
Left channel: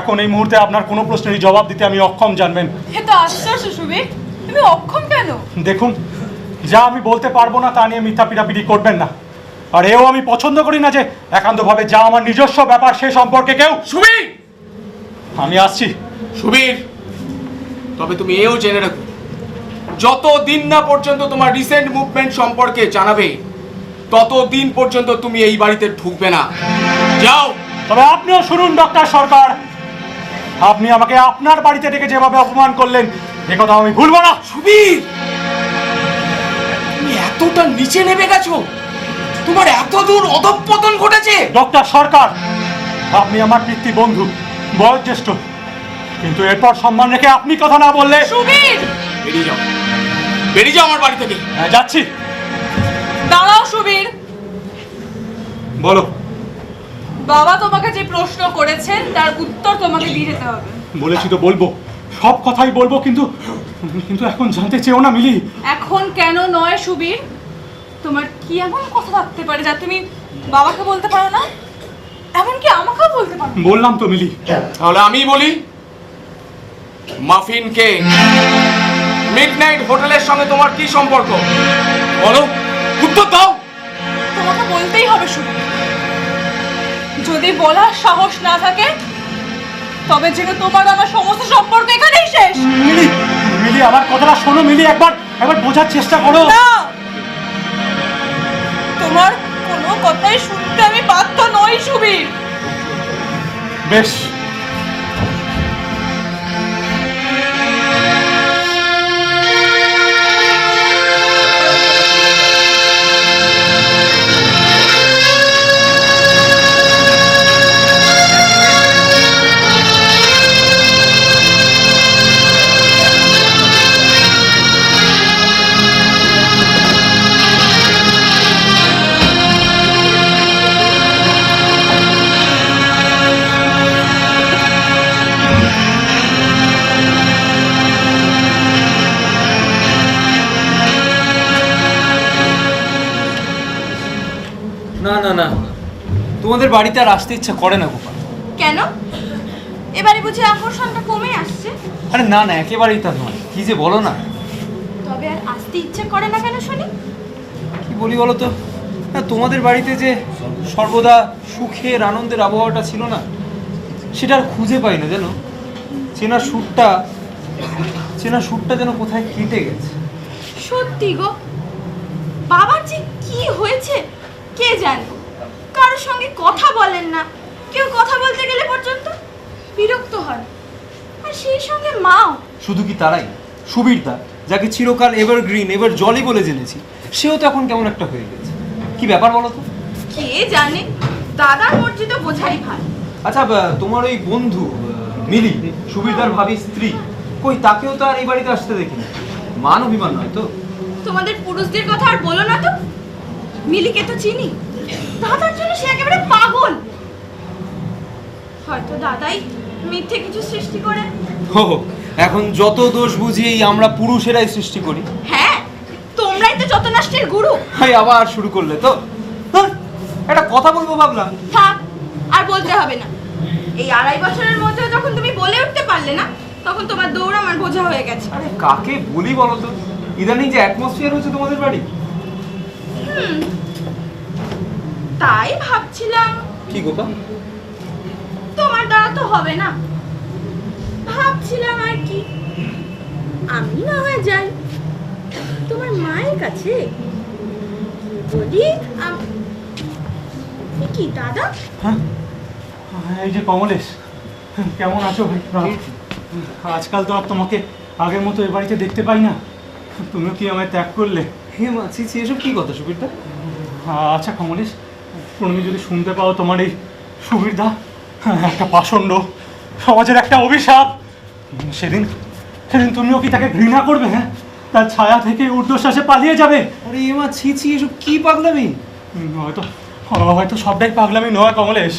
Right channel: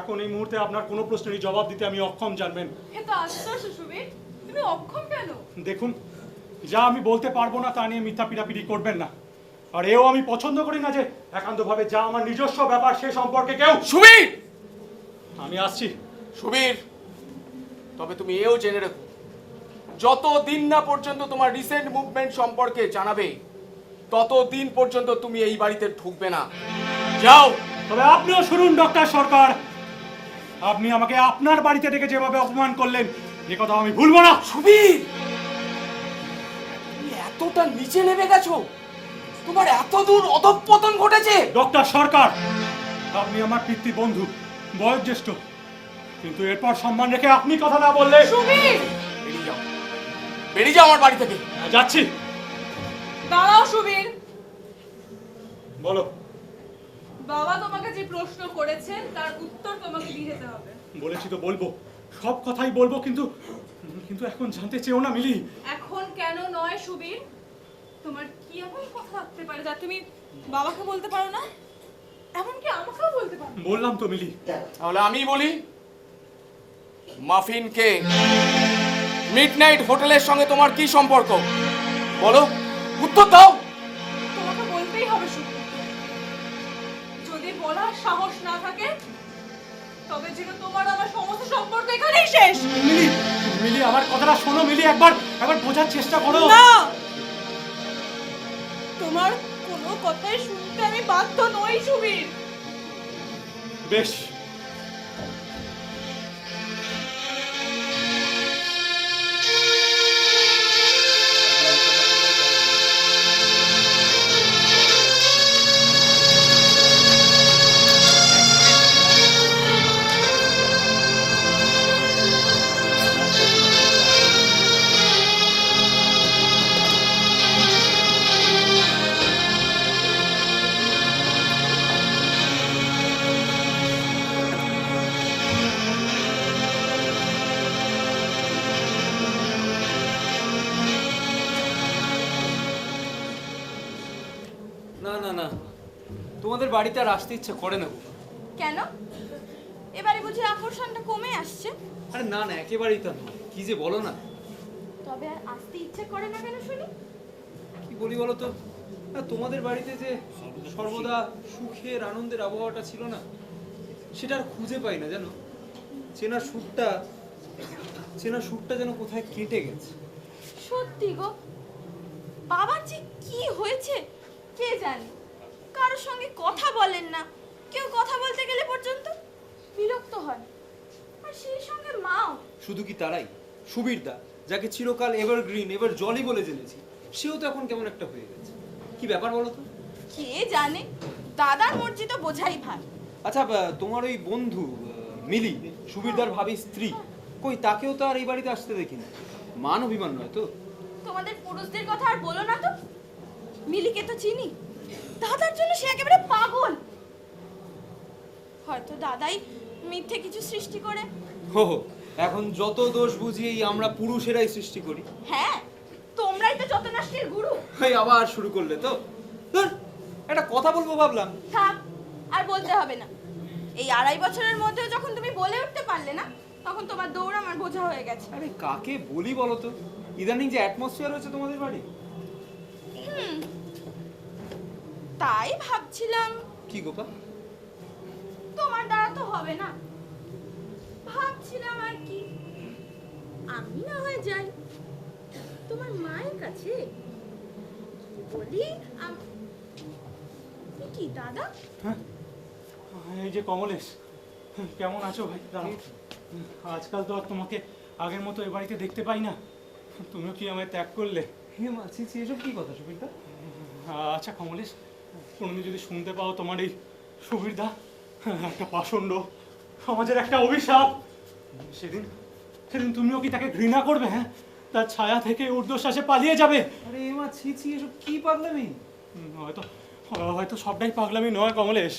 এখন এই মুহূর্তে আপনার কোনো প্রশ্নেরই জবাব দিতে আমি অক্ষম, জানবেন। এ তো আশ্চর্য সুবীর, তুমি অক্ষম কেন? দেখুন, যা আমি বলতে পারবো না তা নিয়ে মিথ্যা পিটাপিটি করবেন না। আর এও আমি পছন্দ করি না যে একান্তভাবে যা আমার নিজস্ব ব্যাপার সে সম্পর্কে কেউ... সুবীর, আমি আসছি। সুবীর, তবে তুমি এও জেনে রাখো, যত দিন না পর্যন্ত তোমার রিসেন্ট মুভমেন্ট সম্পর্কে জানাবে, তত দিন পর্যন্ত তুমি এই বাড়িতে ঢুকবে না। যাও। তবে আপনিও শুনুন ডক্টর সরকার, আপনি আমাকে আপনার বাড়িতে ডেকে যেভাবে অপমান করলেন এ কথা আমি ভুলবো না। সুবীর, তুমি এতটা নিচে নেমে গেছো, তোমার এত দূর অধঃপতন ঘটেছে। ডক্টর সরকার, আপনি আমার পিতৃ বন্ধু, বয়োজ্যেষ্ঠ, কিন্তু এরপর সম্মান রেখে আপনি কথা না বললে... সুবীর, বেরিয়ে যাও, বেরিয়ে যাও আমার বাড়ি থেকে। হ্যাঁ, যাচ্ছি। দাঁড়াও সুবীর। বলো। বাবা তোমাকে যে প্রশ্ন করেছেন তার উত্তর তোমাকে দিয়ে যেতে হবে। বলেছি তো বলবো, সব কথাই বলবো, কিন্তু কিন্তু এখন জানতে চেও না মিলি। এখন কেন নয় সুবীর? তোমার কি এমন কথা থাকতে পারে যা তুমি বাবাকে বলতে পারো না, এমনকি আমাকেও বলতে পারো? বললাম তো মিলি। তাহলে আমি বলি, মাফিনকে মিডনাইট হোটেলের সঙ্গে তোমার কি সম্পর্ক? বলো, উত্তর দাও। তোমাকে বলতেই হবে সুবীর। যদি বলার সাহস না থাকে তবে যেন তোমার আমার সমস্ত সম্পর্ক এখানেই শেষ। মিলি, মিলি আমার কথাটা শোনো মিলি, একবার বোঝার চেষ্টা করো। না, তোমার কোনো কথাই শুনতে আমি বাধ্য নই সুবীর। বেশ, তোমাদের বাড়িতে আর আসতে ইচ্ছা করে না গোপাল। কেন? এবারে বুঝি আকর্ষণটা কমে আসছে? আরে না না, একেবারেই তা নয়। কি যে বলো না। তবে আর আসতে ইচ্ছে করে না কেন শুনি? কি বলি বলো তো, না তোমাদের বাড়িতে যে সর্বদা সুখের আনন্দের আবহাওয়াটা ছিল না, সেটা আর খুঁজে পাই না জানো। চেনা সুরটা যেন কোথায় কেটে গেছে। সত্যি গো, বাবার যে কি হয়েছে কে জানে। কারোর সঙ্গে কথা বলেন না, কেউ কথা বলতে গেলে পর্যন্ত বিরক্ত হয়। আর সেই সঙ্গে মাও। শুধু কি তারাই, সুবীরদা যাকে চিরকাল এভারগ্রিন এভার জলি বলে জেনেছি, সেও তো এখন কেমন একটা হয়ে গেছে। কি ব্যাপার বলো তো? কে জানে, দাদার মর্জি তো বোঝাই ভালো। আচ্ছা তোমার ওই বন্ধু মিলি, সুবীরদার ভাবি স্ত্রী, কই তাকেও তো আর এই বাড়িতে আসতে দেখিনি। মান অভিমান নয় তো? তোমাদের পুরুষদের কথা আর বলো না তো। মিলিকে তো চিনি, দাদার জন্য সে একেবারে পাগল। হয়তো দাদাই মিথ্যে কিছু সৃষ্টি করে। হো, এখন যত দোষ বুঝিয়েই আমরা পুরুষেরাই সৃষ্টি করি। হ্যাঁ, তোমরাই তো যত নষ্টের গুরু। হাই, আবার শুরু করলে তো। হ্যাঁ, একটা কথা বলবো ভাবলাম। থাক, আর বলতে হবে না। এই 2.5 বছরের মধ্যে যখন তুমি বলে উঠতে পারলে না, তখন তোমার দৌড় আমার বোঝা হয়ে গেছে। আরে কাকে বলি বলো তো, ইদানিং যে অ্যাটমসফিয়ার হচ্ছে তোমাদের বাড়ি। তাই ভাবছিলাম। কি গোপা? তোমার দ্বারা তো হবে না, ভাবছিলাম আর কি, আমি না হয়ে যাই তোমার মায়ের কাছে, বলি কি দাদা। হ্যাঁ, এই যে কমলেশ, কেমন আছো ভাই? আজকাল তো আর তোমাকে আগের মতো এ বাড়িতে দেখতে পাই না। তুমিও কি আমায় ত্যাগ করলে? হে মা, ছি ছি, এসব কি কথা সুবীরদা? আচ্ছা কমলেশ, তুমি যদি শুনতে পাও তোমার এই সুবীরদা একটা পাষণ্ড, সমাজের একটা অভিশাপ, সেদিন তুমিও কি তাকে ঘৃণা করবে? হ্যাঁ, তার ছায়া থেকে ঊর্ধ্বশ্বাসে পালিয়ে যাবে। আরে এ মা, ছি ছি, এসব কি পাগলামি? হয়তো সবটাই পাগলামি নয় কমলেশ।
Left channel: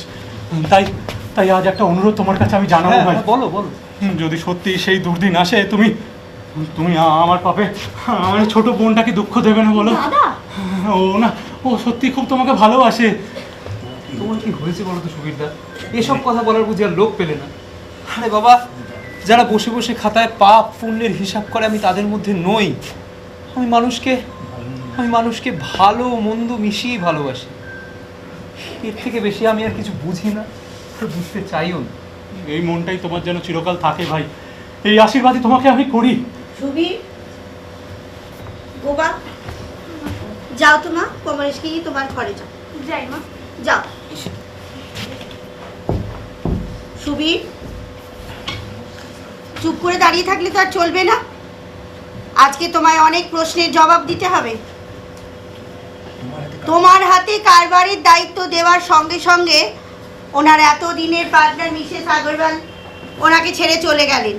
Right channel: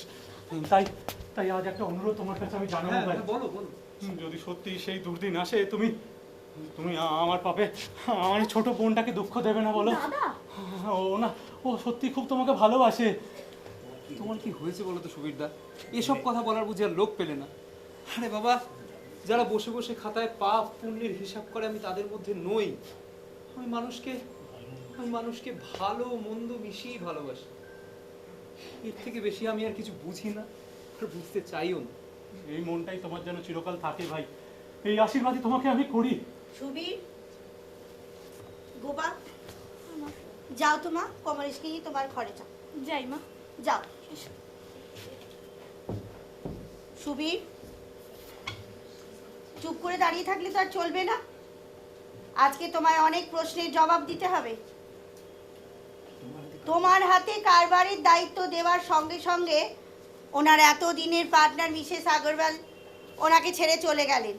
তাই আজ একটা অনুরোধ তোমার কাছে আমি জানাবো ভাই। বলো বলো। যদি সত্যি সেই দুর্দিন আসে, তুমি আমার পাপে আমার ছোট বোনটাকে দুঃখ দেবে না বলো? দাদা, ও সত্যি খুব তোমাকে ভালোবাসে। তোমার কি হয়েছে বলো তো সুবীরদা? এসব কথা বলার বুঝি আর লোক পেলে না? আরে বাবা, যারা বসে বসে খাতায় পাপ পুণ্যের হিসাব করে, আমি তাদের মধ্যে নই। আমি মানুষকে ভালো মন্দ মিশিয়ে ভালোবাসি। এর থেকে বেশি আমি আর কিছু বুঝি না, আর বুঝতে চাইও না। এই মনটাই তোমার যেন চিরকাল থাকে ভাই, এই আশীর্বাদই তোমাকে আমি করি। সুবীর, গোবা, যাও তো মা, কমলেশকে নিয়ে তোমার ঘরে যাও। যাই মা, যাও। সুবীর, চুপ করে দাঁড়িয়ে থাকলে তো আর চলবে না। আজকে তোমায় অনেক প্রশ্নের জবাব দিতে হবে। তোমার হাতে কারবারের দায়িত্ব দেওয়ার সঙ্গে সঙ্গে ওনার এতদিনের পার্টনার মিসেস আগরওয়াল ওনাকে ছেড়ে চলে গেলেন।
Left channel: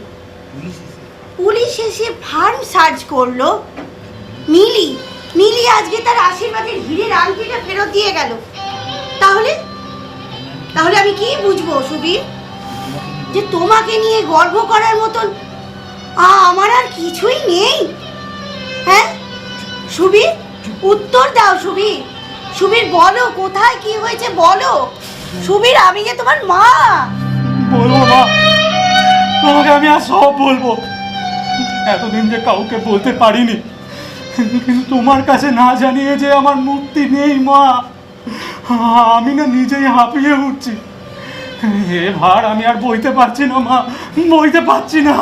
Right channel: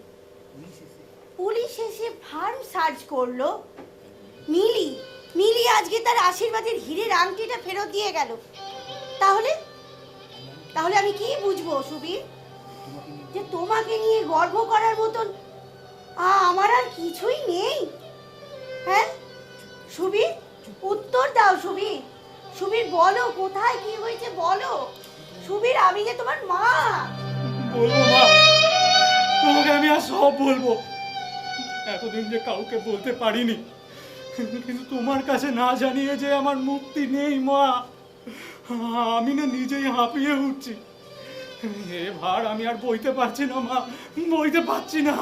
পুলিশ এসে ফার্ম সার্চ করলো। মিলি আজকে তার আশীর্বাদের হীরের আংটিটা ফেরত দিয়ে গেল। তাহলে আমি কি বুঝবো সুবীর, যে তোমাকে নিয়ে গর্ব করার মতন আমার আর কিছুই নেই? হ্যাঁ সুবীর, উত্তর দাও সুবীর। সুবীর বলো, কোথায় কি হয়েছে বলো। সুবীর, আমি যে তোমার মা। বলবো মা, তোমাকে আমি আর সব বলবো। এতদিন যে কাউকে বলতে পারিনি, কিন্তু তোমার কাছে না জানিয়ে যে আমার মুক্তি নেই মা। আমি না নিজেই হাঁপিয়ে উঠছি। এ ভার আমি আর বইতে পারছি না মা, বইতে পারছি না।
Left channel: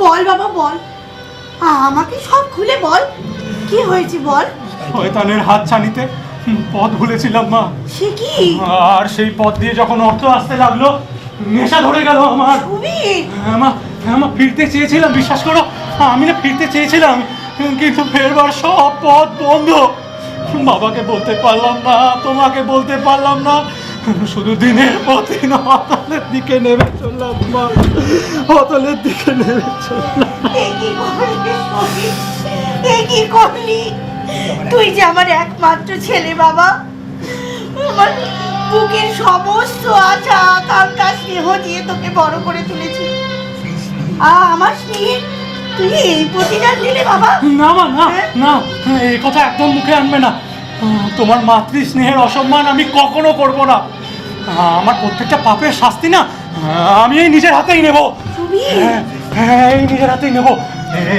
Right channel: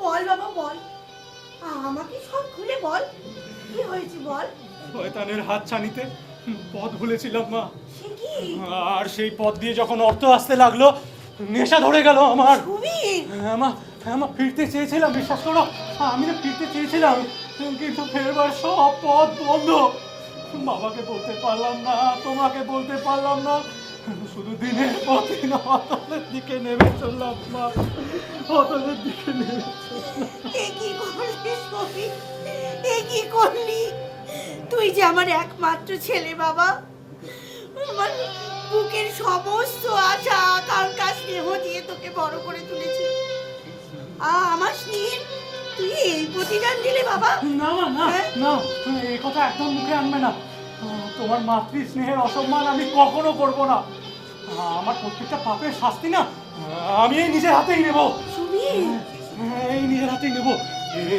বল বাবা বল, আমাকে সব খুলে বল, কি হয়েছে বল। শয়তানের হাত ছানিতে পথ ভুলেছিলাম মা। সে কি? আর সেই পথ দিয়ে যখন অর্থ আসতে লাগলো, নেশা ধরে গেল আমার। সুবীর, মা ফিরতে চেয়েছিলাম, বিশ্বাস করো, আমি না ফিরতে চেয়েছিলাম, কিন্তু ফেরবার সব পথ বন্ধ। বাবাকে বলতে পারলাম না, তোমাকে বলতে পারলাম না, শুধু দিনের পর দিন অতলের দিকে নেমে চললাম মা, অতলের দিকে নেমে চললাম। কি করলি তুই? যে আমার একমাত্র ছেলে বাবা, আমার বুকের সমস্ত আশা আকাঙ্ক্ষা স্নেহ দিয়ে তোকে বড় করে তুলেছি। আমার স্নেহ তুই এই প্রতিদান দিলে বাবা? না মা, না, এই কথা একদম মুখে আনবে না। তোমার মাতৃ স্নেহের অসম্মান আমি কখনো করব না। আমার প্রত্যেকটা পাপের শাস্তি না আমি এই নিজের হাতেই নেব। হ্যাঁ, এই নিজের হাতেই নেব।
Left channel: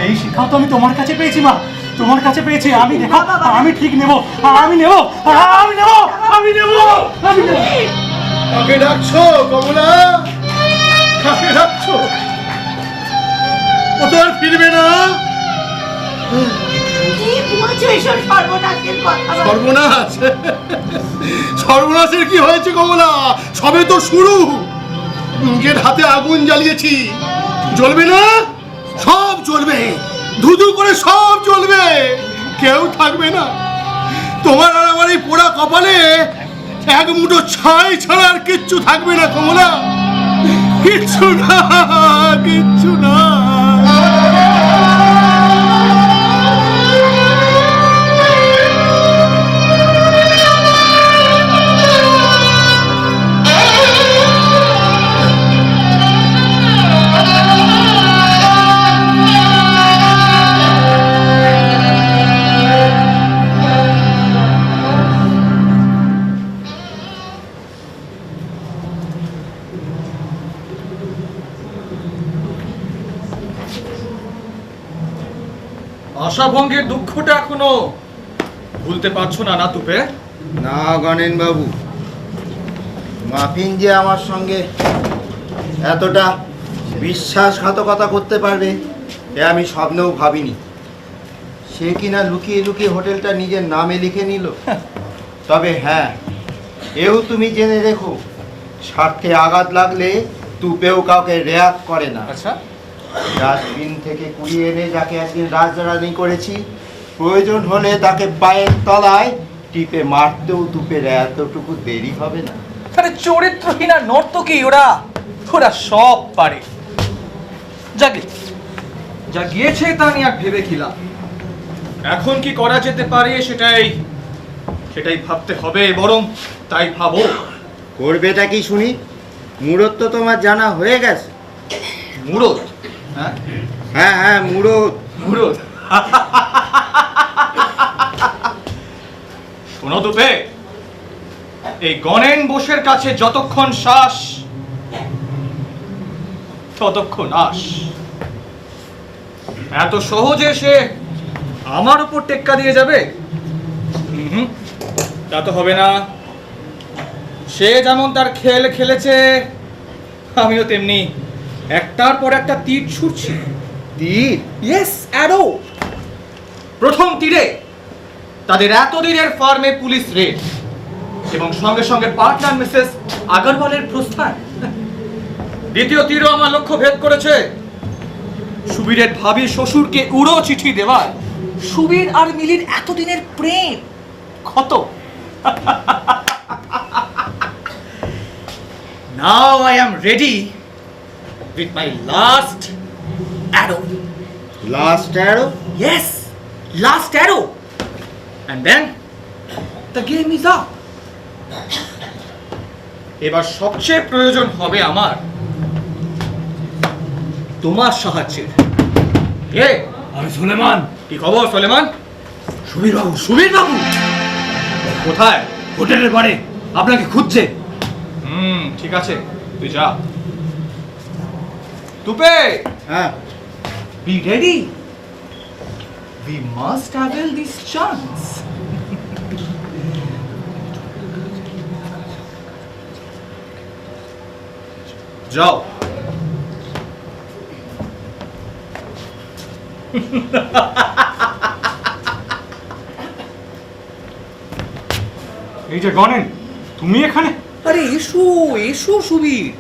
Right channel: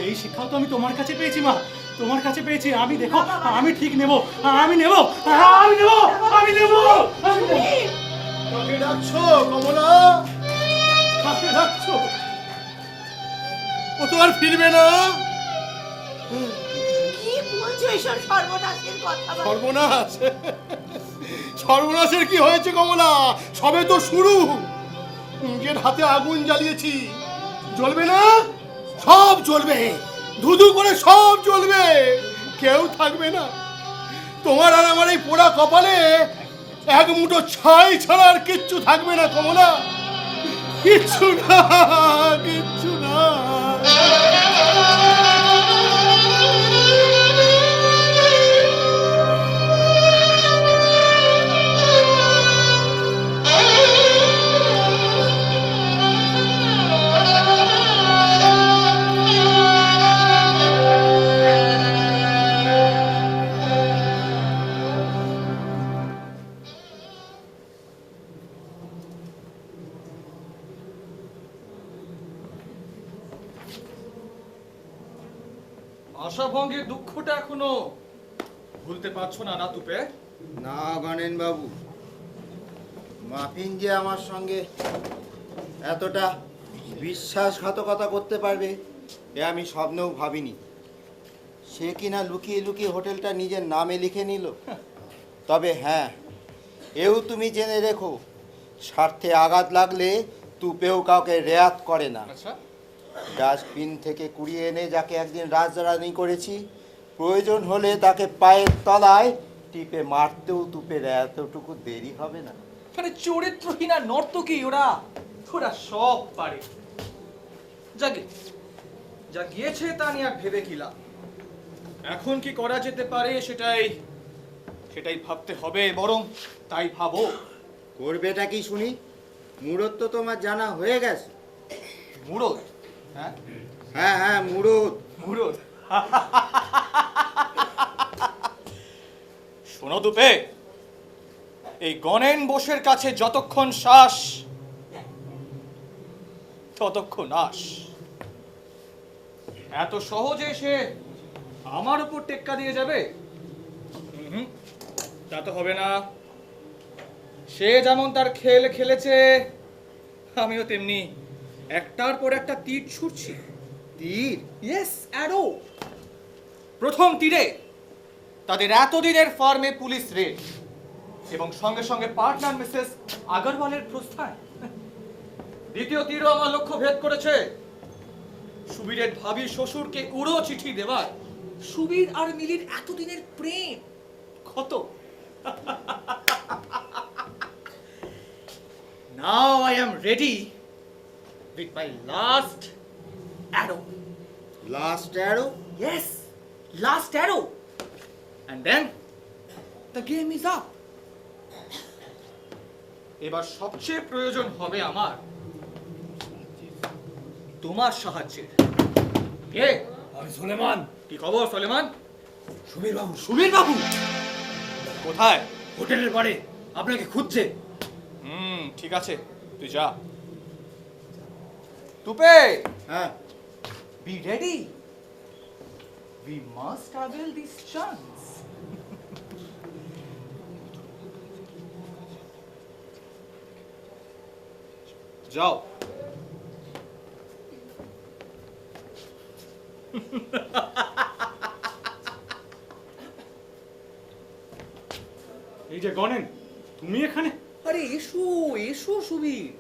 এই শিক্ষাও তো আমি তোমার কাছে পেয়েছি মা, তোমার কাছে পেয়েছি। আমি দেখো, আমি ঠিক নেব, আমি নেব, আমি নেব, আমি নেব, আমি নেব। কাকে ডাকছো কমলা? কাকে ডাকছো? ও তো আর ফিরবে না। কি বলছো এসব সর্বনাশের কথা? সর্বনাশ? সর্বনাশের কি হয়েছে কমলা? সবে তো শুরু। নিজের হাতে আগুন জ্বালিয়েছি, জ্বলবে না? সব জ্বলবে, ধুধু করে সব জ্বলবে, কেউ থাকবে না। তোমার আর আমার এই পোড়া কপালে এক মুঠো ছাই ছাড়া আর কিচ্ছু থাকবে না কমলা, কিচ্ছু না, কিচ্ছু না। আশাভঙ্গের দুঃখটা এখনো ভুলতে পারছো না না তুপে? না গণেন বাবু, মাফিন যে আমার সঙ্গে এতটা বিশ্বাসঘাতকতা করতে পারবে এ আমি স্বপ্নেও ভাবিনি। সে কিনা লুকিয়ে লুকিয়ে হোটেলটা নিজের নামে লিখে নিল। তবে হ্যাঁ, এও তুমি জেনে রেখো, স্বার্থে আঘাত লাগলে তুপেও কাউকে রেয়াত করে না। আচ্ছা, ডাস্টবিন থেকে কুড়িয়ে এনে যাকে একদিন রাজরানি করেছি, প্রয়োজন হলে তাকে পায়ের তলায় টিপে মারতেও তুপের এতটুকু দেরি হবে না। আরে চরিত্রহীন আর নর্তকী ওরা, ওরা সব পারে। যাকে যা গিয়েছে তা নিয়ে আর ভেবে খিলাম। এখন কি করা যেতে পারে সেটাই ভাবতে হবে। বরং তাই ভাবো। করবেটা কি শুনি? মুরত তো তোমার জানা হয়ে গেছে। মুরত? হ্যাঁ হ্যাঁ হ্যাঁ, মুরত। মুরত? শোনো দুপে, এই গণেন বোসের কাছে যতক্ষণ শ্বাস ততক্ষণ আস। এত সহজে সে আমার উপর টেক্কা দিয়ে যাবে তা তো হবে না। সে যেমন তার খেল খেলেছে, আমিও তেমনি একটার পর একটা তীর ছুটছি। তীর? Yes, arrow. প্রথম তীরে তাদের এতদিনের ফার্মে পুলিশ রেড এবং সঙ্গে সঙ্গে পার্টনার মিসেস আগরওয়ালের প্রস্থান। দ্বিতীয় তীরও আমার লক্ষ্য ভেদ করেছে সুবীরের ভাবি শ্বশুরকে উড়ো চিঠি দেওয়ায় সুবীর আর মিলির এতদিনের প্রেম ক্ষত। Now I am ready with my last arrow. Last arrow? Yes, last arrow. And then the game is up. এবার সবচেয়ে প্রয়োজন হবে আমার তোমার সাহায্যের। কে? আমি সুলেমান। কি খবর সুলেমান? সুবীর বাবু, সুবীর বাবু কোথায়? হোটেলের পারে আপনাকে খুঁজছে। ঠিক আছে, তুই যা। তুপে, হ্যাঁ, be ready. We must avail this chance. যাও। এই যে গণেন, তুমি এখানে? আরে এসো এসো সুবীর,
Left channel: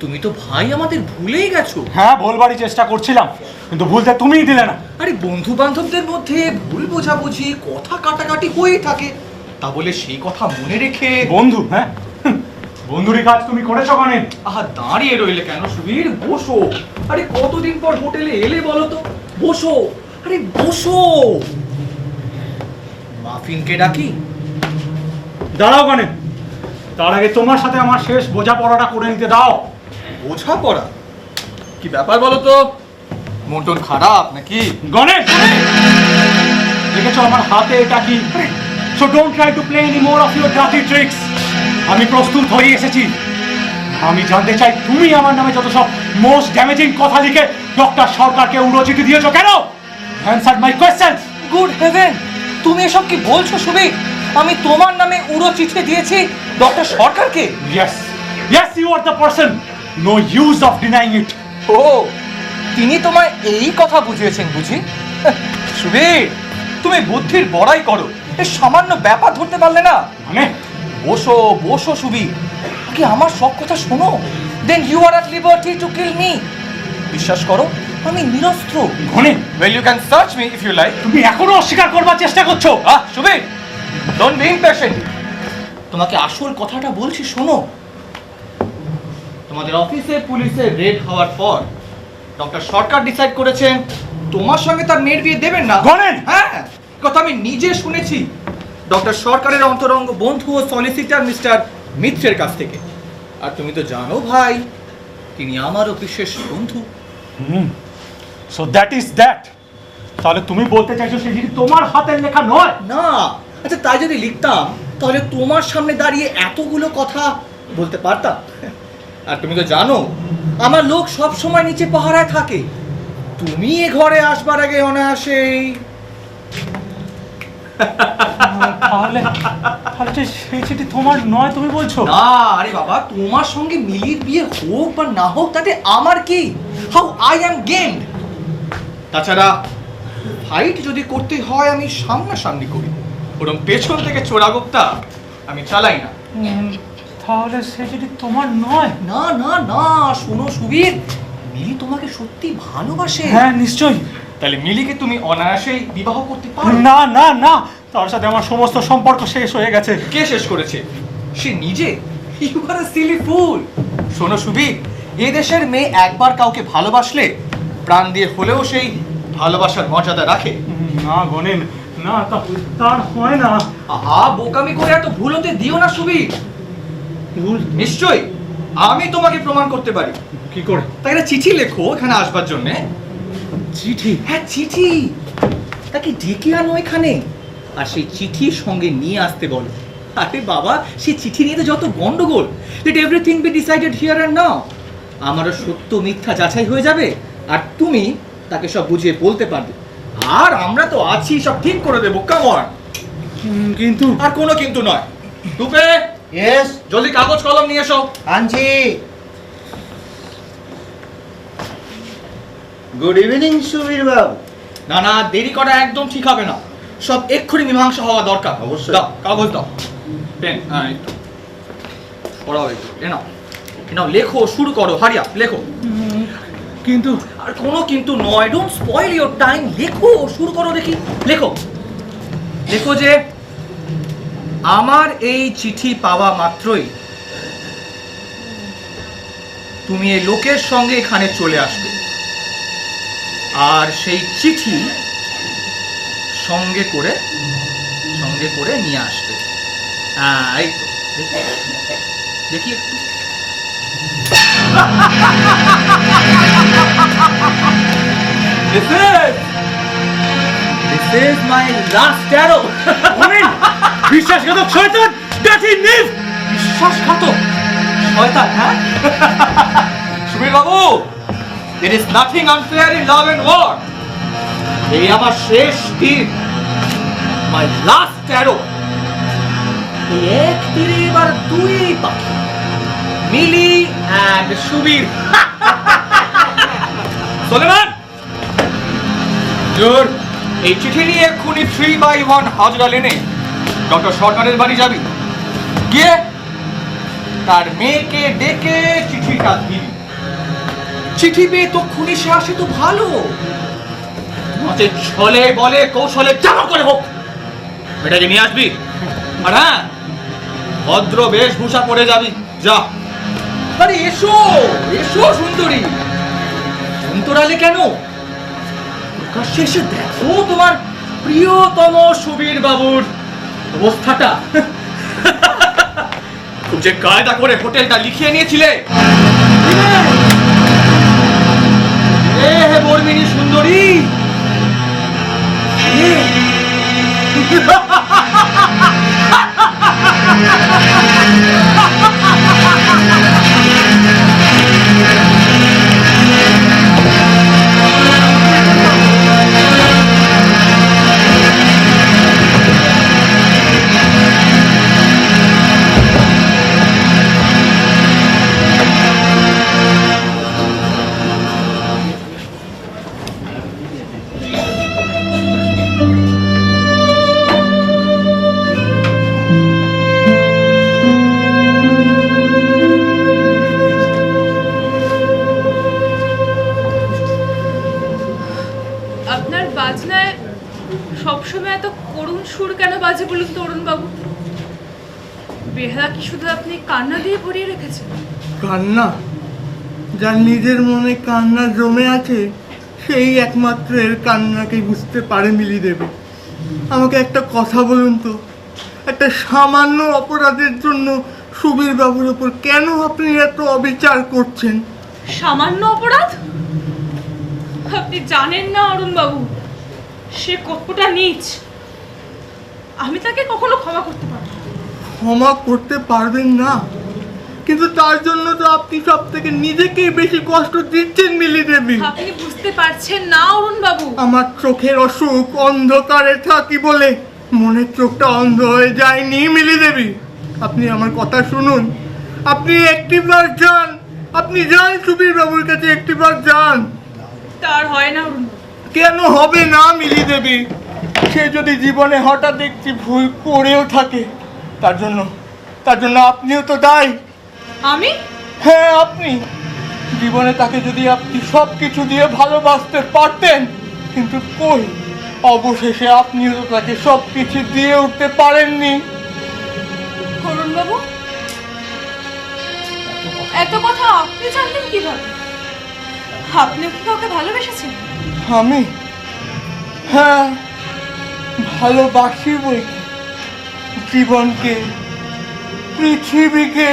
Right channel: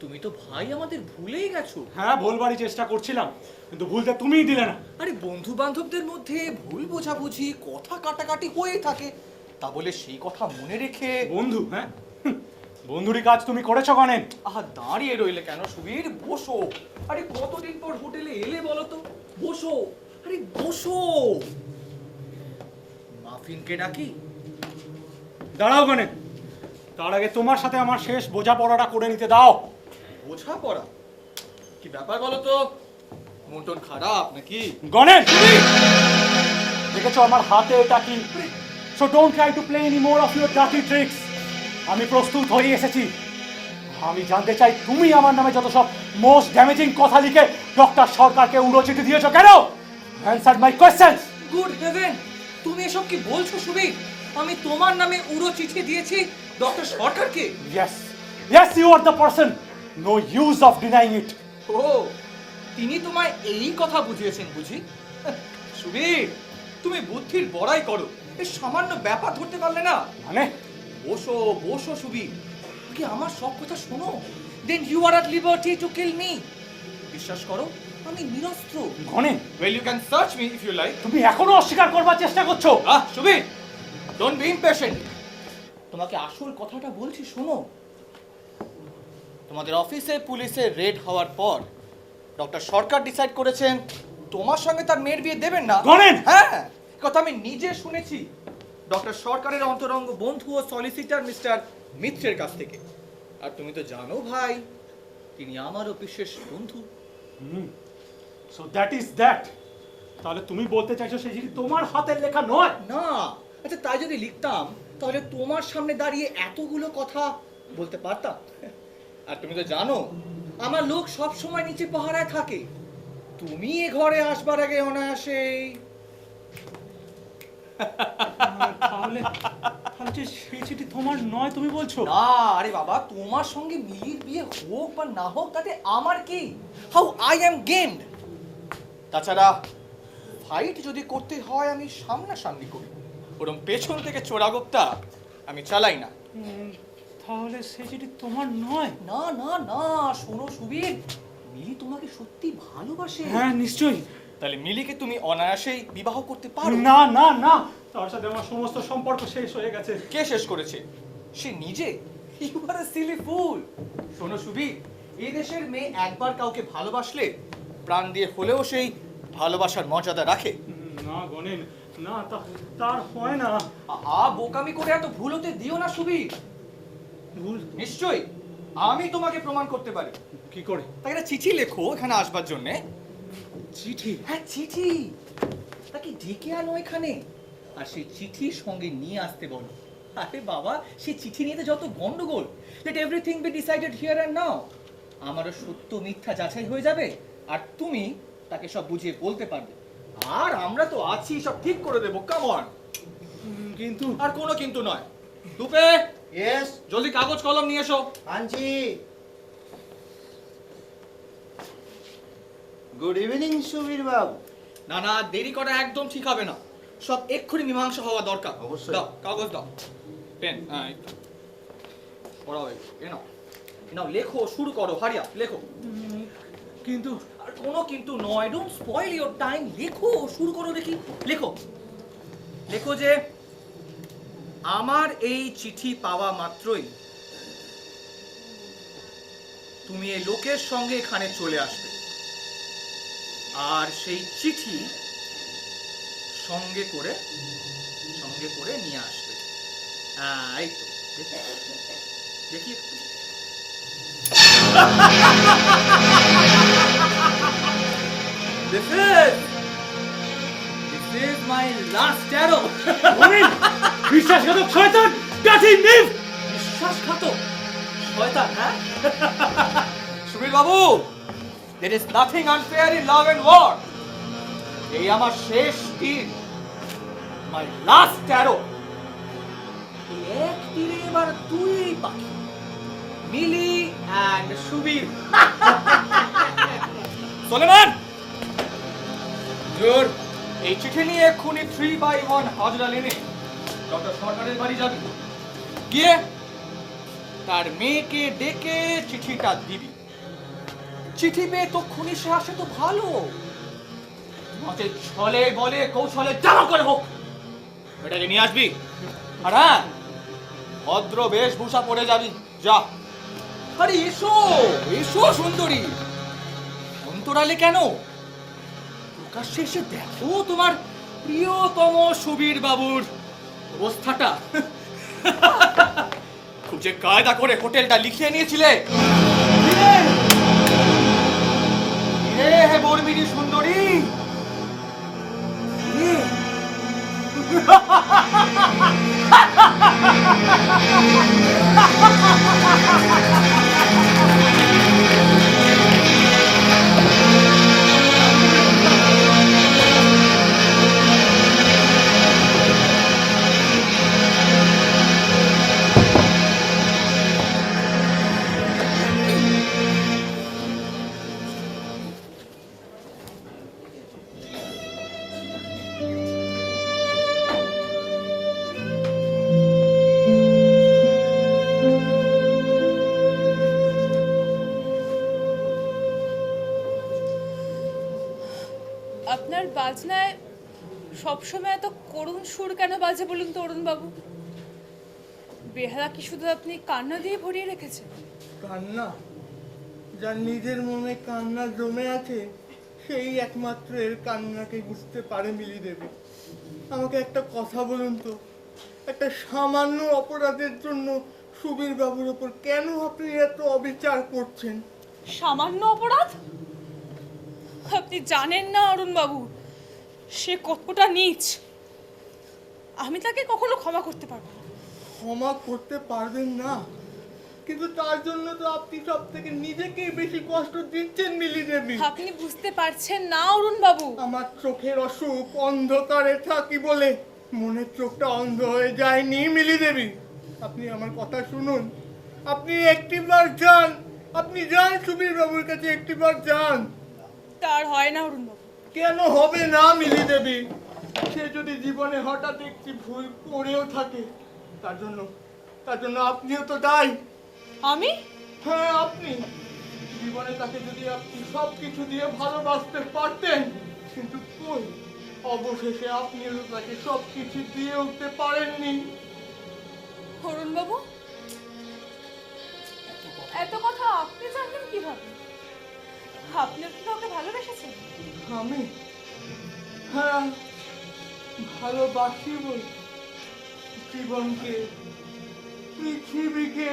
তুমি তো ভাই আমাদের ভুলেই গেছো। হ্যাঁ, বলবারই চেষ্টা করছিলাম, কিন্তু ভুলতে তুমিই দিলে না। আরে বন্ধু বান্ধবদের মধ্যে ভুল বোঝাবুঝি, কথা কাটাকাটি হয়েই থাকে, তা বলে সেই কথা মনে রেখে। বন্ধু? হ্যাঁ, বন্ধুরই কাজ তুমি করেছো গণেন। আহা, দাঁড়িয়ে রইলে কেন সুবীর? বসো। আরে কতদিন পর হোটেলে এলে বলো তো? বসো, আরে বসো। মাফিনকে ডাকি? দাঁড়াও গণেন, তার আগে তোমার সাথে আমার শেষ বোঝাপড়াটা করে নিতে দাও। বোঝাপড়া? কি ব্যাপার বলো তো? মন টন খারাপ নাকি? গণেশ, দেখেছো আমার হাতে এটা কি? So don't try to play any more of your dirty tricks. আমি প্রস্তুত হয়ে এসেছি। আমি জানতে চাই তুমি আমার নামে যত সব মোস্ট ড্যামেজিং কথা লিখে ডক্টর সরকারকে উড়ো চিঠি দিয়েছো কেন? অ্যানসার মাই কোয়েশ্চেনস। গুড হেভেন, তুমি এসব কি বলছো সুবীর? আমি তোমার নামে উড়ো চিঠি দিয়েছি ডক্টর সরকারকে? Yes, yes, you are the person. No use of denying it. ও, তিনি তোমায় এই কথা বুঝিয়েছেন বুঝি? সুবীর, তুমি বুদ্ধির বড়াই করো, এই সামান্য ব্যাপার ধরতে পারলে না? মানে বসো বসো সুবীর, কি আমার সব কথা শোনো। Then you are at liberty to kill me. বিশ্বাস করো, আমি নিরস্ত্র। ঘনে well you can search me if you like. তুমি এখনো অস্বীকার করবার চেষ্টা করছো? Subir, don't be impatient. তোমাকে আসল কথাটা বলছি শোনো। তোমাদের অফিসে পুলিশের রেড হওয়ার পর ডক্টর সরকার ডিসাইড করেছেন তোমার সঙ্গে তার মেয়ের বিয়ে দেবেন না। গণেন! হ্যাঁ, কথা আমি নিজে শুনেছি ডক্টর সরকারের অন্তরঙ্গ বন্ধু ও সলিসিটার মিস্টার মিত্রের কাছ থেকে। আর তুমি তো জানো ভাই, তিনি আমারও বিশেষ বন্ধু। So that is that. তাহলে তুমি বলতে চাইছো সেই জিনিস তোমার হাতের লেখা নয়? না, আচ্ছা তাই যদি লিখতাম তাহলে তোমার সামনে দাঁড়িয়ে এতগুলো কথা বলতে পারতাম। আর তুমি তো জানো আমার লোক সব সময় নিচে পাহারায় থাকে। তুমি এ ঘরে আসবার আগে অনায়াসেই তাহলে তাহলে সেই চিঠি তোমার নয় তুমি বলছো? না, আরে বাবা, তোমার সঙ্গে মিলির বিয়ে হোক বা না হোক তাতে আমার কি? How I am gamed. তাছাড়া ফাইট যদি করতে হয় আমি সামনাসামনি করি, বরং পেছন থেকে চোরাগোপ্তা আমি চালাই না। তাহলে সেই চিঠি তোমার নয়? না না না, শোনো সুবীর, মিলি তোমাকে সত্যি ভালোবাসে। হ্যাঁ নিশ্চয়ই। তাহলে মিলিকে তুমি অনায়াসেই বিবাহ করতে পারো। না না না, তার সাথে আমার সমস্ত সম্পর্ক শেষ হয়ে গেছে। কে শেষ করেছে? সে নিজে। ইউ আর আ সিলি ফুল। শোনো সুবীর, এই দেশের মেয়ে একবার কাউকে ভালোবাসলে প্রাণ দিয়ে হলেও সেই ভালোবাসার মর্যাদা রাখে। না গণেন, না তার হয় না। আহা, বোকামি করে এত ভুল হতে দিও না সুবীর। ভুল নিশ্চয়ই আমি তোমাকে প্রমাণ করতে পারি। কি করে? তাই একটা চিঠি লেখো এখানে আসবার জন্যে। চিঠি? হ্যাঁ চিঠি, তাকে ডেকে আনো এখানে, আর সেই চিঠি সঙ্গে নিয়ে আসতে বলো। আরে বাবা, সেই চিঠি নিয়ে তো যত গন্ডগোল। Let everything be decided here and now. আমারও সত্য মিথ্যা যাচাই হয়ে যাবে, আর তুমি তাকে সব বুঝিয়ে বলতে পারবে। আর আমরা তো আছি, সব ঠিক করে দেবো। Come on. কিন্তু আর কোনো কিন্তু নয়। রূপে, Yes, জলদি কাগজ কলম নিয়ে এসো। আনছি। গুড ইভিনিং সুবীর বাবু। না না, দেরি করা একদম ঠিক হবে না, সব এক্ষুনি মীমাংসা হওয়া দরকার। অবশ্যই। দাও কাগজ দাও, পেন, একটু পড়াও একটু। এ নাও লেখো, শুরু করো, হারিয়া লেখো। কিন্তু আর কোনো কিন্তু নয়, ডোন্ট স্পয়েল ইওর টাইম। লেখো, শুরু করো দেখি। লেখো লেখো যে আমার এই চিঠি পাওয়া মাত্রই তুমি এই লোকের সঙ্গে এখানে চলে আসবে, আর সেই চিঠি সঙ্গে করে নিয়ে আসবে। এই তো, দেখি একটু। This is my last arrow. বিশ্বাসঘাতক শয়তান, ডার্টি নিভ! বিশ্বাসঘাতক শয়তান, হ্যাঁ? সুবীর বাবু, there is nothing unfair in love and war. এই আমার শেষ তীর, my last arrow. এই এক তীরে এবার দুই পাখি, মিলি and সুবীর। সোলেমান, জোর এই চিঠি নিয়ে এক্ষুনি 3/1 হাজরা লেনে ডক্টর সরকারের বাড়ি যাবি, গিয়ে তার মেয়েকে ডেকে চিঠিটা দিবি। চিঠি পেয়ে তক্ষুনি সে আসে তো ভালো, মতে ছলে বলে কৌশলে যেন করে হোক এটাকে নিয়ে আসবি। আর হ্যাঁ, ভদ্র বেশভূষা পরে যাবি, যা। আরে এসো এসো সুন্দরী, অন্তরালে কেন? প্রকাশ্যে এসে দেখো তোমার প্রিয়তম সুবীর বাবুর অবস্থাটা। খুব যে কায়দা করে হোটেলটা লিখিয়ে নিয়েছিলে। হে বর্মিনী সুন্দরী, সবসময় এত করুণ সুর কেন বাজে বলুন তো অরুণবাবু? বেহারা কি শুধু আপনি কান্না দিয়ে ভরিয়ে রেখেছেন? কান্না? যার নিজের মনে কান্না জমে আছে সেই একমাত্র এর কান্নাকে বুঝতে পারে মিলি দেবে। আমাকে একটা কথা বলুন তো, একটা সামান্য অপরাধের জন্য সুবীর বাবুর ওপর কেন আপনি এত অবিচার করছেন? সামান্য অপরাধ? আপনি জানেন না অরুণবাবু, সে কতটা নীচ। আমি তাকে কখনো ক্ষমা করতে পারবো না। ক্ষমা করতে পারবেন না? কিন্তু তার জন্য তো আপনি সব থেকে নিজেকেই বেশি কষ্ট দিচ্ছেন মিলি দেবী। আপনি বুঝতে পারছেন না অরুণবাবু। আমার চোখের অসুখ, অন্ধকারে থাকি বলে মনের চোখটা অন্ধ হয়ে যায়নি মিলি দেবী। আপনি আমার কথা শুনুন, আপনি একটিবার যান, আপনি যান সুবীর বাবুর কাছে, একটিবার যান। তার হয় না অরুণবাবু। কেন হবে না মিলি দেবী? সে যদি জীবনে হঠাৎ একটি ভুল করেও থাকে, তার জন্য আপনিও তো দায়ী। আমি? হ্যাঁ, আপনি। জীবনে তাকে যদি আপনি সব কিছু দিয়ে ভালোবাসতে পারতেন, কিন্তু কই, অবশেষে আপনিও তো তাকে সব কিছু দিয়ে উঠতে পারেননি। অরুণবাবু, এত কথা আপনি জানলেন কিভাবে? আপনি কি কাউকে ভালোবেসেছেন? আমি? হ্যাঁ, ভালোবাসি বই। জীবনকে, পৃথিবীকে,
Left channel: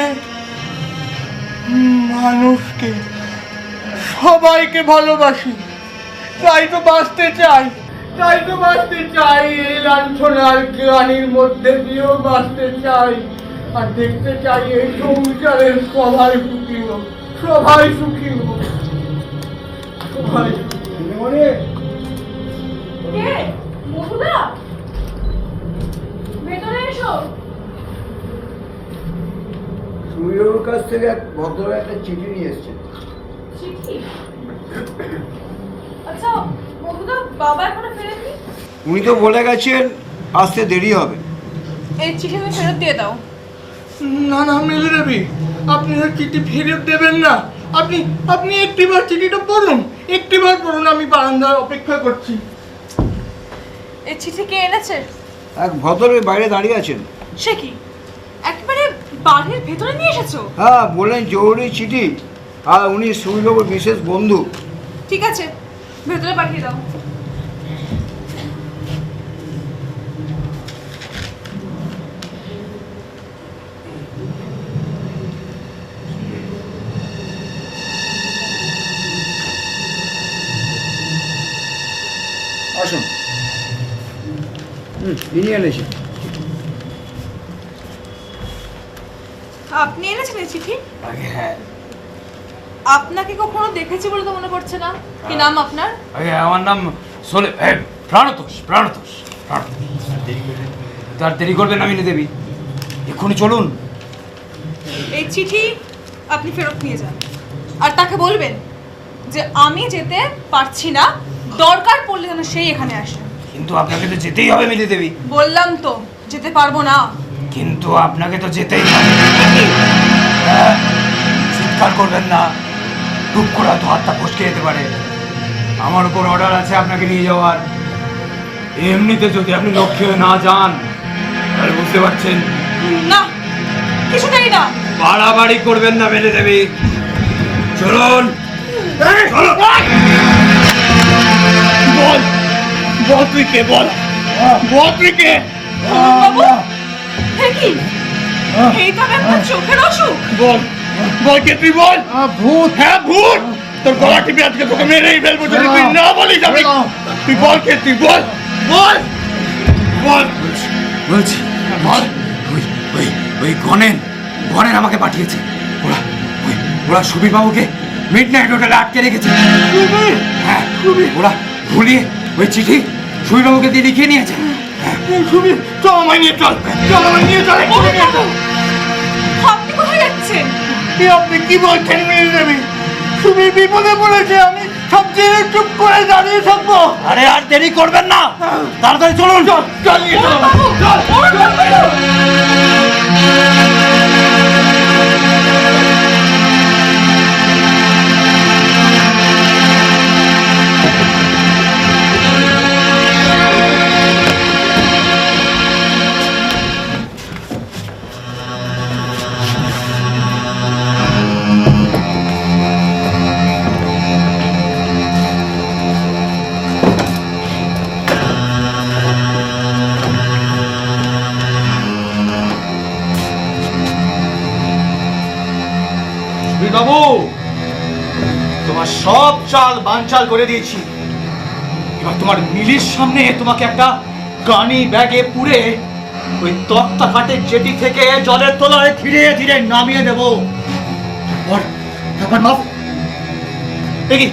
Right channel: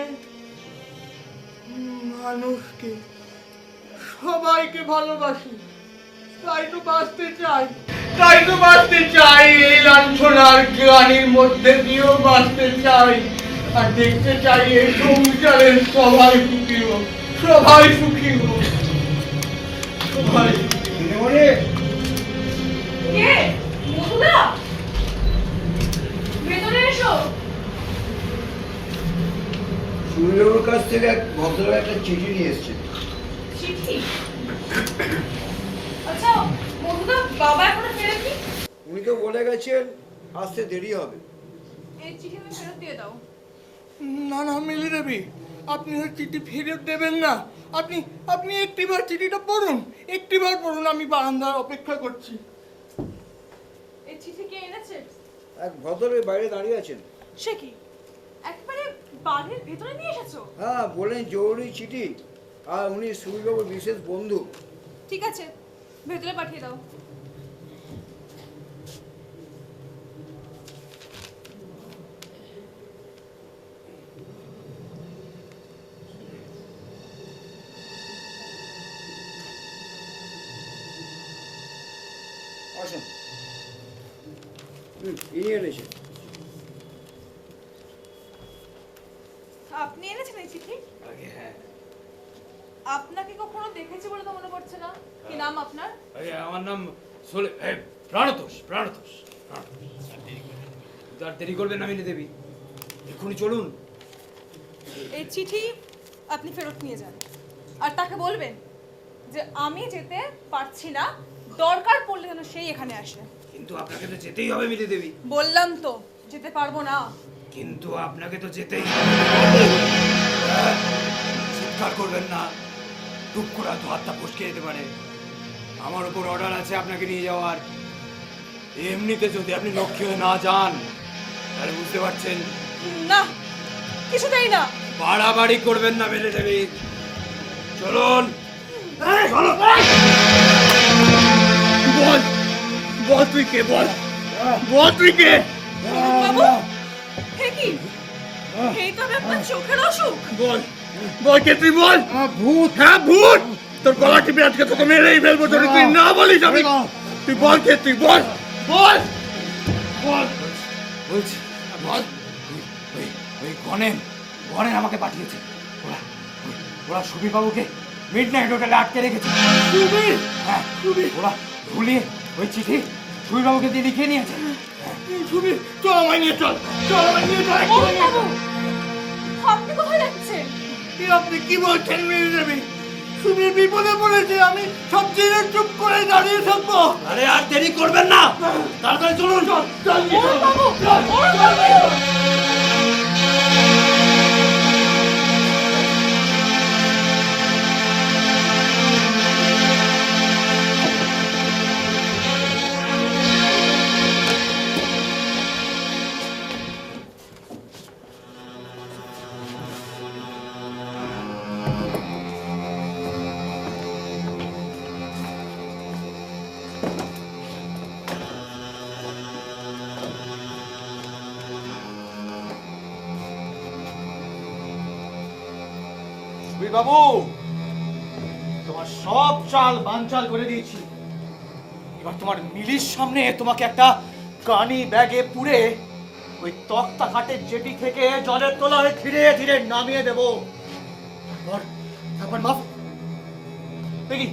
মানুষকে, সবাইকে ভালোবাসি। তাই তো বাঁচতে চাই, এই লাঞ্ছনার গ্লানির মধ্যে দিয়েও বাঁচতে চাই। আর দেখতে চাই এই সংসারের সবাই সুখী হোক, সবাই সুখী হোক, সবাই। কে? মধুদা, ভেতরে এসো। সূর্যর কাছ থেকে এক ভদ্র একটা চিঠি নিয়ে এসছে। চিঠি? আচ্ছা মধুদা, বাবা এখনো ফেরেননি? উনি তো বলে গেছেন আসতে দেরি হবে। এই চিঠি তুমি ফেরত দিয়ে দাও। না না মিলি দেবী, আপনি আর চিঠি ফেরত দেবেন না। আপনি একটিবার চিঠিটা পড়ুন, একটিবার পড়ুন। আমি বারান্দায় অপেক্ষা করছি। এই চিঠি কে এনেছে? এক ভদ্র বাইরে দাঁড়িয়ে আছেন। সে কি, একেবারে বাড়ির ভেতরে নিয়ে এসেছো? হ্যাঁ, বললেন জরুরি চিঠি, আর উনি সূর্যবাবুর বিশেষ বন্ধু। ঠিক আছে, ভেতরে পাঠিয়ে দাও। আসুন। ইনি এনেছি। আপনি এনেছেন এই চিঠি? হ্যাঁ। আপনাকে কখনো দেখেছি বলে তো মনে পড়ছে না। কি নাম আপনার? আমার নাম প্রাণতোষ। তার দেরি করবেন না মিলি দেবী, এক্ষুনি চলুন। এই চিঠি আপনি ফেরত নিয়ে যান, আর তাকে বলবেন যে আমি যেতে পারছি না, দরকার পড়লে যেন সেই এখানে আসে। কিন্তু আপনাকে তো যেতেই হবে মিলি দেবী। বললাম তো যেতে পারবো না। কিন্তু আপনাকে তো যেতেই হবে। হ্যাঁ, চিৎকার করবেন না, টুক করে হয়তো হাতটা ফসকে যেতে পারে। আমার উপর অর্ডার আছে আপনাকে নিয়ে যাওয়ার। এমনিতে যদি আপনি লক্ষ্যে না যান তাহলে বুঝতে পারছেন। না, কিছুটাই না। বাড়াবাড়ি করবেন না মিলি দেবী, চলুন। বল তুই কে? বল তুই কে? বাবু, হে কি? এই তো আপনার চোখের অসুখ। বল কে তুই? বল। ভূত? হ্যাঁ, ভূত। তোর গলা টিপে আজকে তোকে মেরেই ফেলবো যদি তুই না বলিস। তুই বল কে তুই? বল। বলছি ওই গণেন আমাকে পাঠিয়েছে। ওরা সুবীর বাবুকে মিডনাইট হোটেলে আটকে রেখেছে। হ্যাঁ, ওরা ভুলিয়ে ওই চিঠি সুবীর বাবুকে দিয়ে লিখিয়ে নিয়েছে। চল আমায় নিয়ে চল। আপনি কোথায় যাচ্ছেন? আপনি কি বলছেন মিলি দেবী? সুবীর বিপদে পড়েছে, আমি সবচেয়ে চুপ করে দাঁড়িয়ে থাকবো? আরে আর দেরি করবেন না, তাড়াতাড়ি চলুন। চল। বাবু, তোমার সব চাল বানচাল করে দিয়েছি। এবার তোমার মিলির সামনে তোমাকে একটা গানি ব্যাগে পুরে ওই তক্তা ঘাটের জেটি থেকে জলের তলায় ধীরে ধীরে নামিয়ে দেব। তারপর দেখি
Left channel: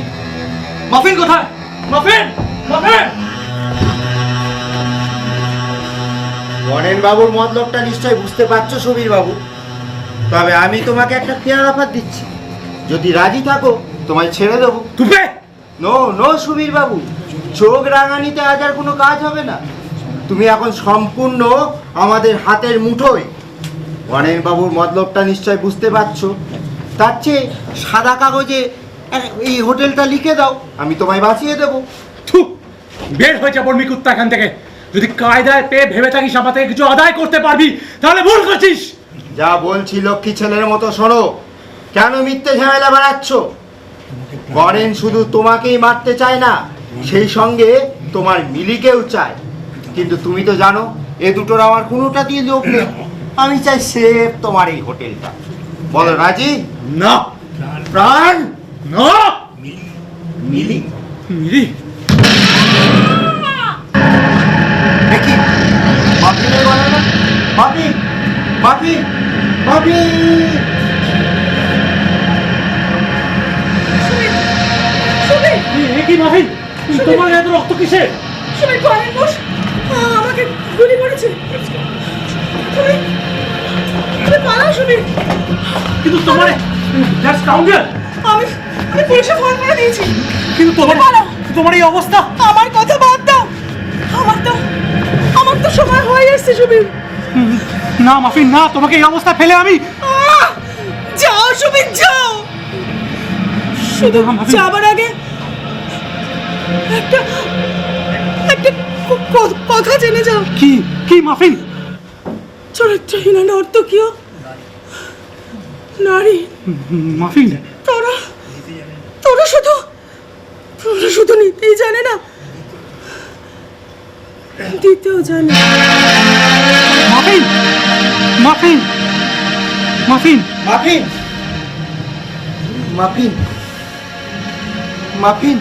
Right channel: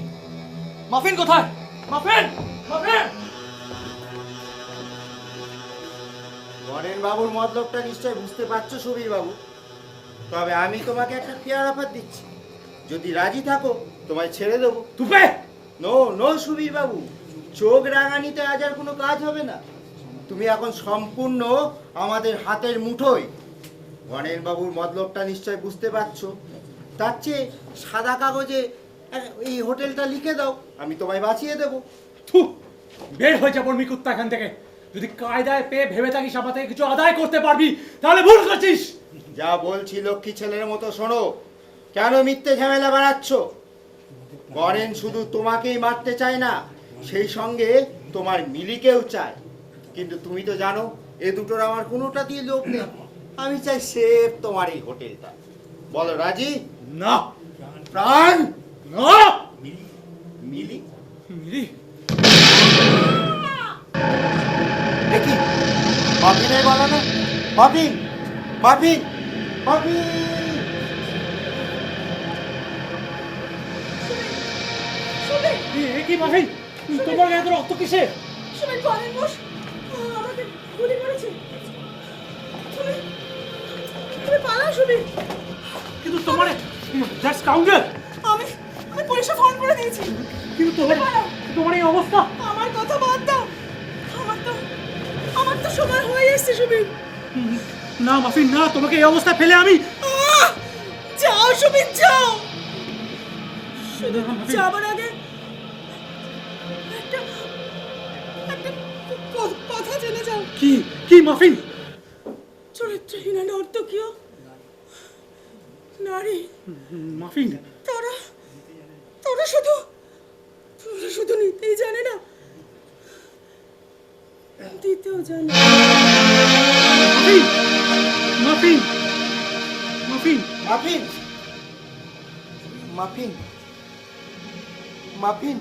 মাফিন কোথায়? Muffin, muffin! বরেন বাবুর মতলবটা নিশ্চয়ই বুঝতে পারছো সুবীর বাবু। তবে আমি তোমাকে একটা ফেয়ার অফার দিচ্ছি, যদি রাজি থাকো তোমায় ছেড়ে দেবো। তুমি নো নো সুবীর বাবু, চোখ রাঙানিতে আজ আর কোনো কাজ হবে না। তুমি এখন সম্পূর্ণ আমাদের হাতের মুঠোয়। বরেন বাবুর মতলবটা নিশ্চয় বুঝতে পারছো। তার চেয়ে সাদা কাগজে এই হোটেলটা লিখে দাও, আমি তোমায় বাঁচিয়ে দেবো। বের হয়ে যা বর্মি কুত্তা এখান থেকে। যদি কায়দায় পেয়ে ভেবে থাকিস আমার থেকে কিছু আদায় করতে পারবি, তাহলে ভুল করছিস। যা বলছি লক্ষ্মী ছেলের মতো শোনো। কেন মিথ্যে ঝামেলা বাড়াচ্ছ? বরেন শুধু তোমাকেই মারতে চায় না, সেই সঙ্গে তোমার মিলিকেও চায়। কিন্তু তুমি তো জানো এ দুটোর আমার কোনোটা দিয়ে লোভ নেই। আমি চাই সেফ তোমার এই হোটেলটা। বলো রাজি? না প্রাণ না। মিলি, মিলি দেখি মাফিনে বলো না। মাফি, মাফি, মাফি! কি মাফিন, তোমার এত রক্ত কিসের? সুবীর করেন বস, আমাকে গুলি করেছে। তুমি তুমি পালাও সুবীর। কিন্তু তোমার জাস্ট কাউন্টার আমি আমি পুলিশে ফোন করে দিয়েছি। কিন্তু তোমার পালাও। তোমার এই অবস্থা। আমার কথা বাদ দাও। আমার তো সময় হয়ে এসেছে সুবীর। না মাফিন না, তোমাকে এই অবস্থা ফেলে আমি যাও সুবীর যাও। শুধু যাবার আগে একটা একটা কথা জেনে যাও। কি কি মাফিন? চরিত্রহীন নর্তকীয় নারী মাফিন, তোরা শুধু নিতেই জানে না, দিতেও জানে। Muffin, muffin, muffin, muffin, muffin, muffin,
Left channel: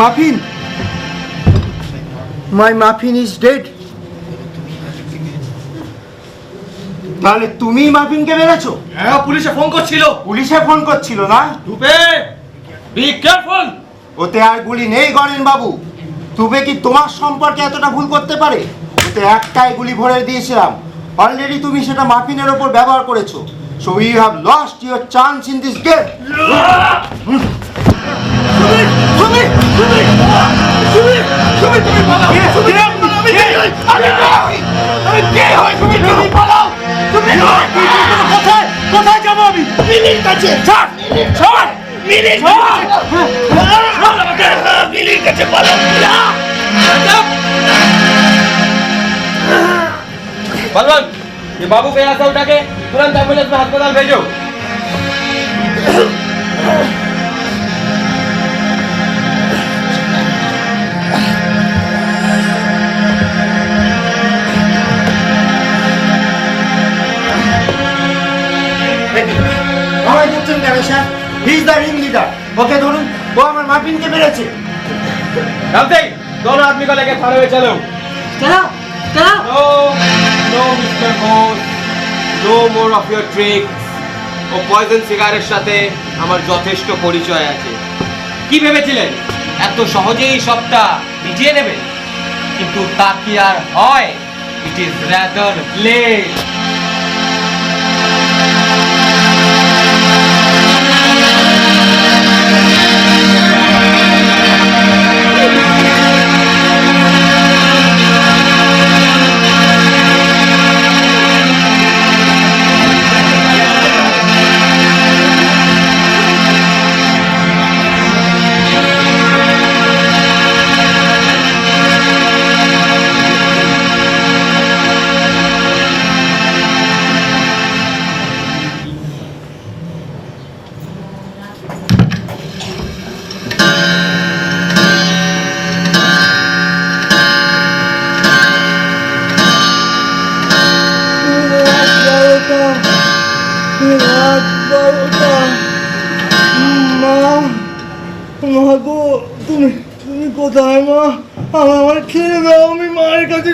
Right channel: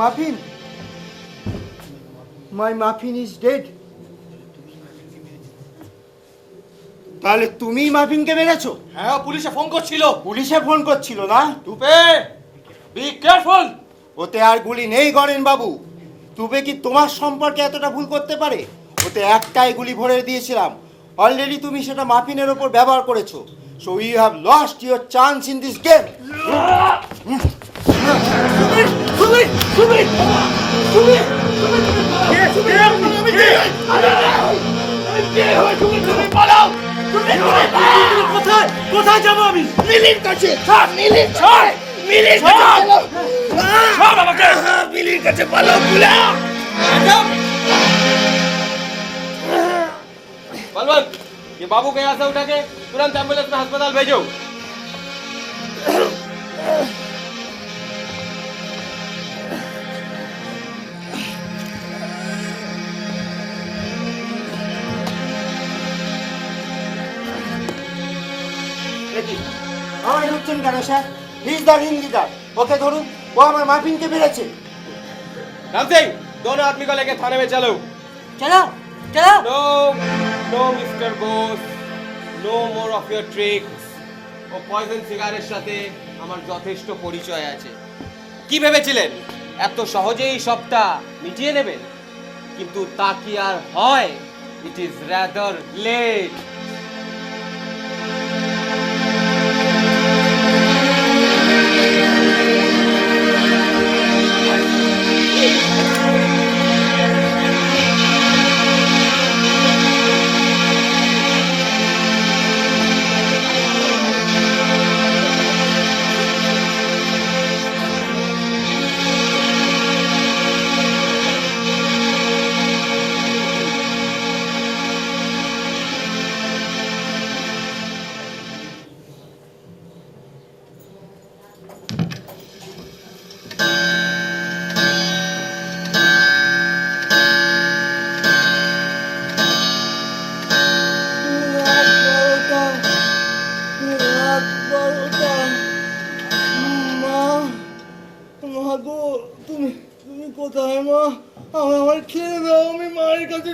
muffin! My muffin is dead. তাহলে তুমি মাফিনকে মেরেছো? হ্যাঁ, পুলিশে ফোন করছিল। পুলিশে ফোন করছিল না? টুপে, বি কেয়ারফুল। ওতে আর গুলি নেই গণেন বাবু। তুবে কি তোমার সম্পর্কে এতটা ভুল করতে পারে? ওতে একটাই গুলি ভরে দিয়েছিলাম। অলরেডি তুমি সেটা মাফিনের ওপর ব্যবহার করেছো। So you have lost your chance in this game. কোথায় যাবো আমি? মিলির কাছে। ছাড়, মিলির ছাড়, মিলির কাছে। ছাড় আমাকে। মিলির কাছে পালাও। बलवंत, ये बाबू पे ऐसा उठा के तुरंत एम्बुलेंस में अस्पताल भेजो। আমায় ধরছেন কেন sir? He is the ring leader. ওকে ধরুন, ও আমার মাফিনকে মেরেছে। राम सिंह, दोनों आदमी को लेके थाने में चलो। चलो चलो। No, no, Mr. Bose, no more of your tricks. ও পয়জন সিগারেটের সাথে আমার যথেষ্ট পরিচয় আছে। কি ভেবেছিলেন এত সহজেই সবটা মিটিয়ে নেবে? কিন্তু তা কি আর হয়? It is rather late.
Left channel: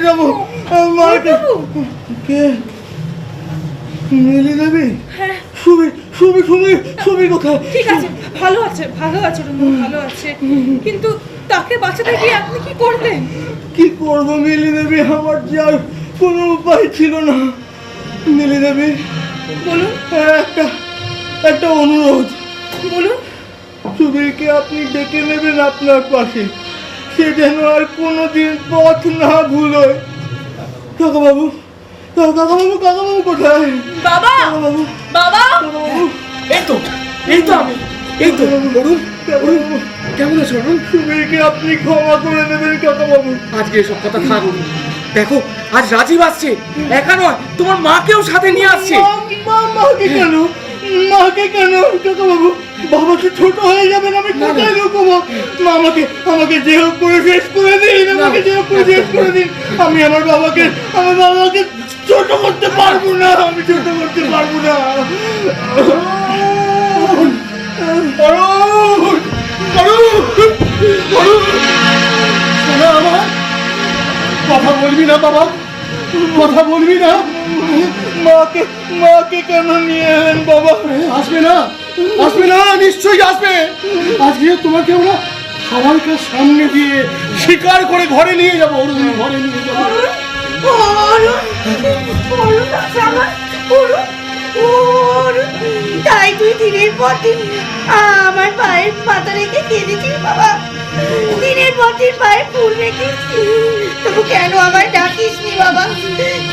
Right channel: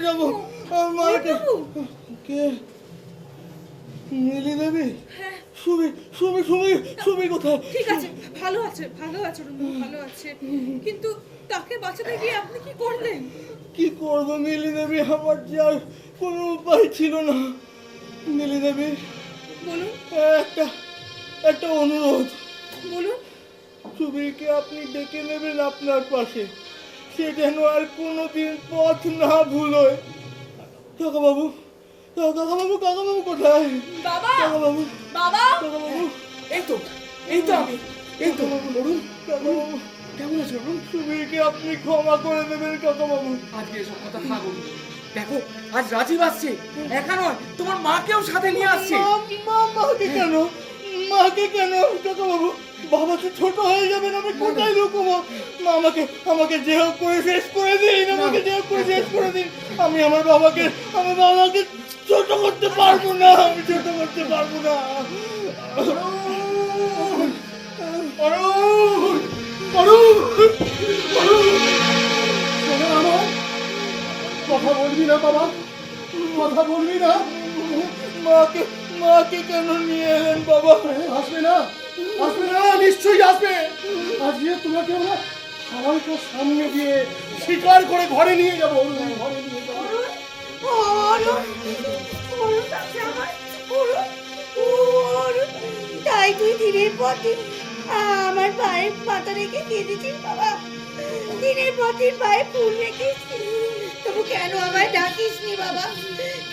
যাবো মাকে। কে? মিলি দেবী? সুবি সুবি সুবি সুবি কোথায়? ঠিক আছে, ভালো আছে রুনু, ভালো আছে। কিন্তু তাকে বাঁচাতে গিয়ে আপনি কি করবেন? কি করবো মিলি দেবী, আমার যার কোনো উপায় ছিল না। মিলি দেবী, বলুন একটা অনুরোধ। বলুন। সুবীরকে আপনি ডেকে নেবেন আপনার পাশে, সে যেন আর কোনোদিন পথ না ভুলোয়। কাকাবাবু কোথায়? বাবা, বাবা, এই তো আমি, বলুন কেমন আছো? সুবীরকে আপনি ক্ষমা করে দেবেন কাকাবাবু। আজকে এসব কথা থাক। দেখো, আজ রাজীব আসছে, একা নয়, তোমার মাকেও সাথে নিয়ে আসছে। মাকে কেন কাকাবাবু? বাবা কি ছোট হয়ে যাবেন? আমি কোথায় লুকোবো? আমাকে যে হোক করে শেষ করে দিন, আমি আমার বাবাকে ছোট করতে পারবো না, আমার কথা বলবি না বাবা, কথা বলবি না? মাকে কেন নিয়ে এলেন বাবা? আসবে না, নিশ্চয়ই আসবে। আজকে তোমাকে আমরা সবাইকে সামনে দিয়ে স্বীকার করে ঘরে নিয়ে যাবো। ঘরে নিয়ে যাবো। তাই তুই দিনের পর দিন আমার পায়ের পাতা রেখে কেঁদেছিস বাবা, দিনের পর দিন পায়ে ফুল রেখেছিস, তবু কেন আমায় ডাকিসনি বাবা?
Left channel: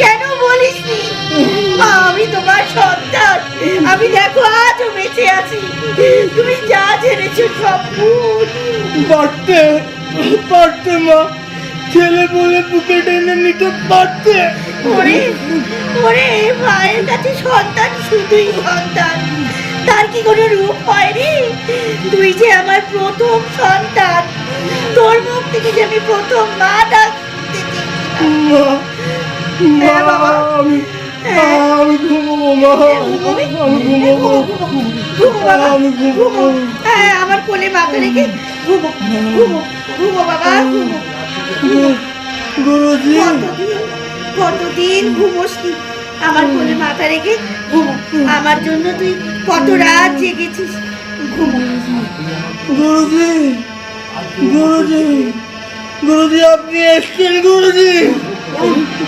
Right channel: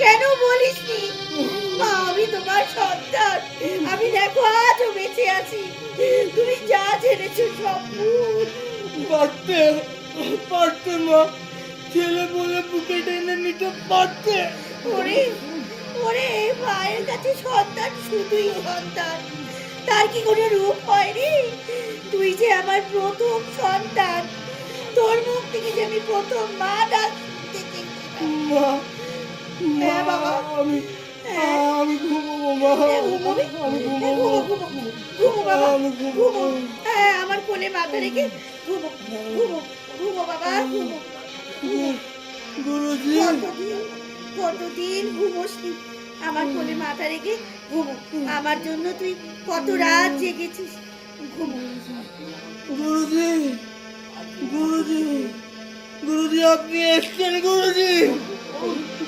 কেন বলিসনি আমি তোমার সন্তান? আমি দেখো আজও বেঁচে আছি, তুমি যা ঝেড়েছো সব ভুল। পারতে মা, ছেলে বলে বুকে টেনে নিতে পারতে। ওরে মায়ের কাছে সন্তান শুধুই সন্তান, তার কি কোনো রূপ হয়নি? তুই যে আমার প্রথম সন্তান, তোর মুখ থেকে যে আমি প্রথম মা ডাকতে আমি ঘুমোবো মা, আমার কোলে মাথা রেখে ঘুমো বাবা, গুরুজি। কতদিন ঘুমোসনি, আমার কোলে মাথা রেখে ঘুমো। আমার জন্য তুই কত রাত জেগেছিস, ঘুমো। গুরুজি আপনি এসছেন।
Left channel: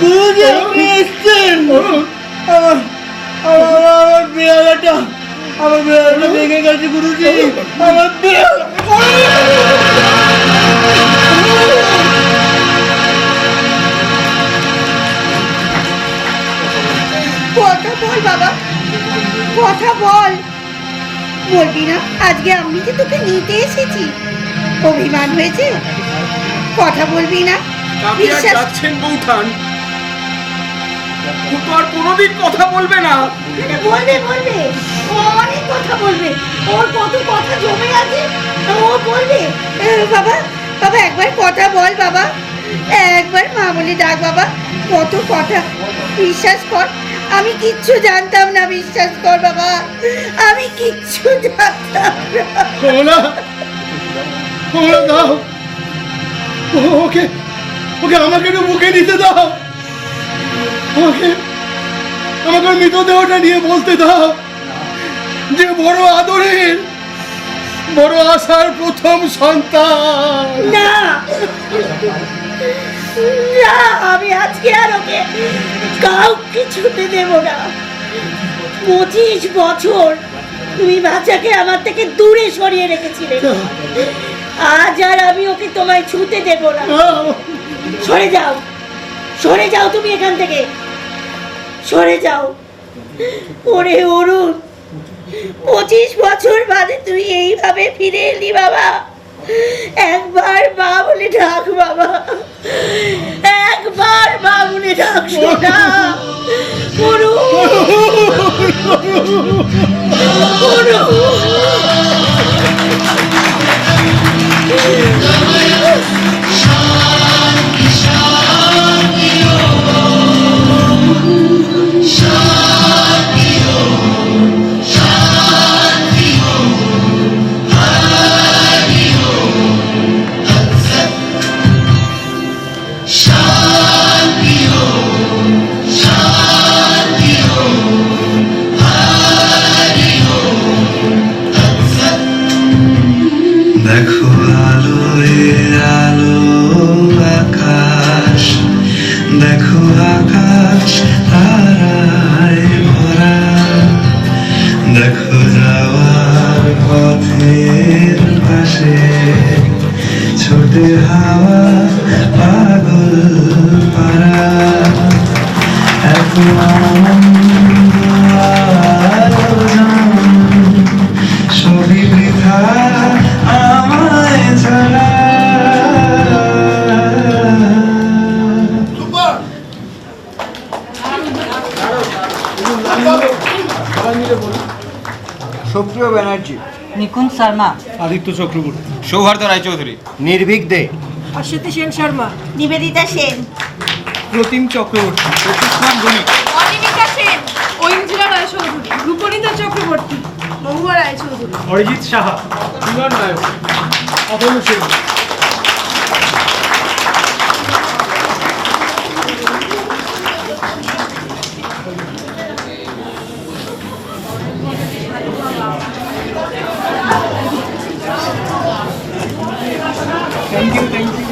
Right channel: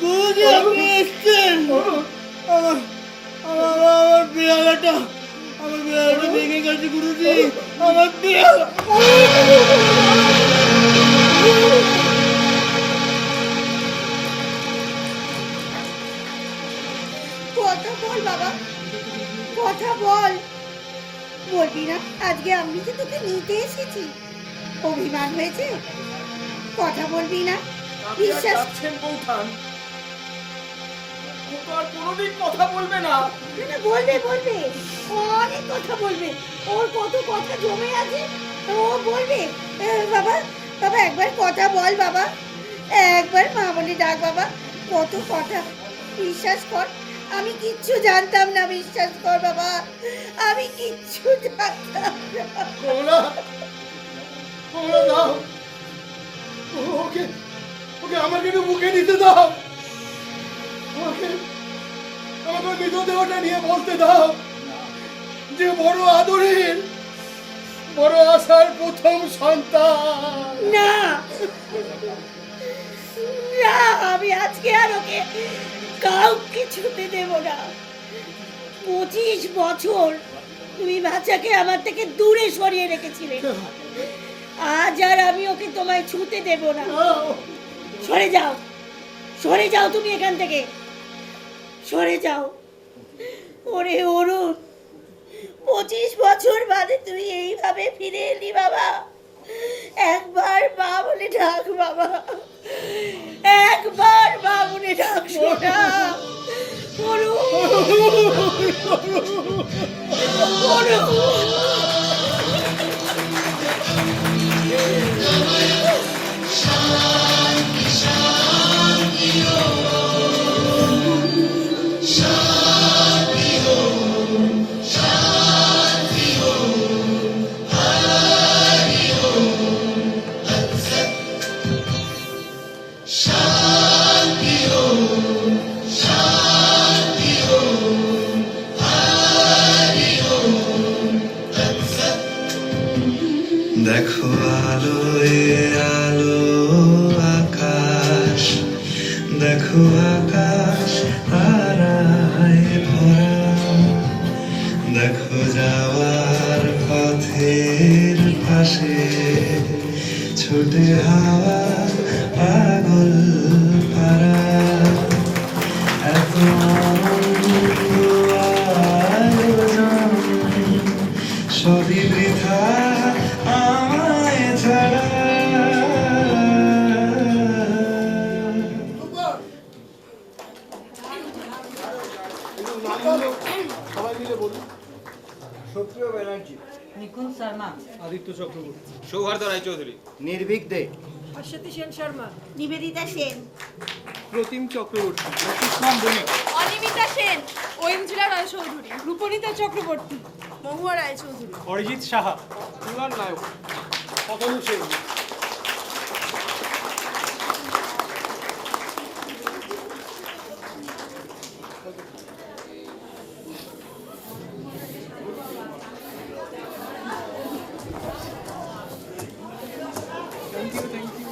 গুরুজি আপনি এসছেন। আমার বেড়াটা ভেঙে গেছে গুরুজি, আমার কথা বল বাবা, কথা বল। বলবি না আজকে আমি যে তোকে নিতে এসেছি? অভিমান হয়েছে? কথা বলবি না? যাচ্ছেন বৌঠান, ও তো আর কোনোদিন কথা বলবে না। বলবে, অনেক কথা বলবে, ওর কত কথা জমে আছে, ও বলবে। বাবা একবার কথা বল বাবা, একবার মা বলে ডাক বাবা, কত কথা। বিশ্বাস কর আমি কিচ্ছু জানতাম না, বিশ্বাস কর বাবা, আমি কিচ্ছু জানতাম না। কমলা দাও, ওকে আমাকে একটু মুখে নিতে দাও, আমাকে মৃতদেহটা নিয়ে বলতে দাও যে বড় আদরের, বড় আশার প্রথম সন্তান। না, আমি আজকে আর ওকে কাউকে ছুটে দেব না। 25 বছর তুমি বাচ্চাকে আমার থেকে দূরে সরিয়ে রেখেছিলে, আজ আর আমি ওকে তোমায় ছুতে দেব না। সরে যাও তুমি এখান থেকে, সরে যাও। ওরে অরুণ, 25 বছর বাদে তুই এইভাবে ফিরে এলি বাবা, একবার মা বলে ডাক বাবা, একবার মা বলে ডাক সোনা। Shanti দেখো আকাশ তারায় ভরা, দেখো যাওয়ার পথের পাশে ছোটে হাওয়া পাগল পারা, এত আনন্দ আয়োজন সবই বৃথা আমায় ছাড়া। সুপ্রিয় ব্যানার্জি, নিকুঞ্জ শর্মা, আদিত্য চক্রবর্তী, সৌহার্দ্য রায়চৌধুরী, নির্ভীক দে, Aswathy Sen Sharma, Nivedita Sen, Pratim Chakraborty, Pratishthan Banik, Animika Sen, Aindrila Roychowdhury, Rupnita Chakraborty, Mahua Roychowdhury, Arijit Saha, Milan Nayak, Atanu Sen. Thank you thank you.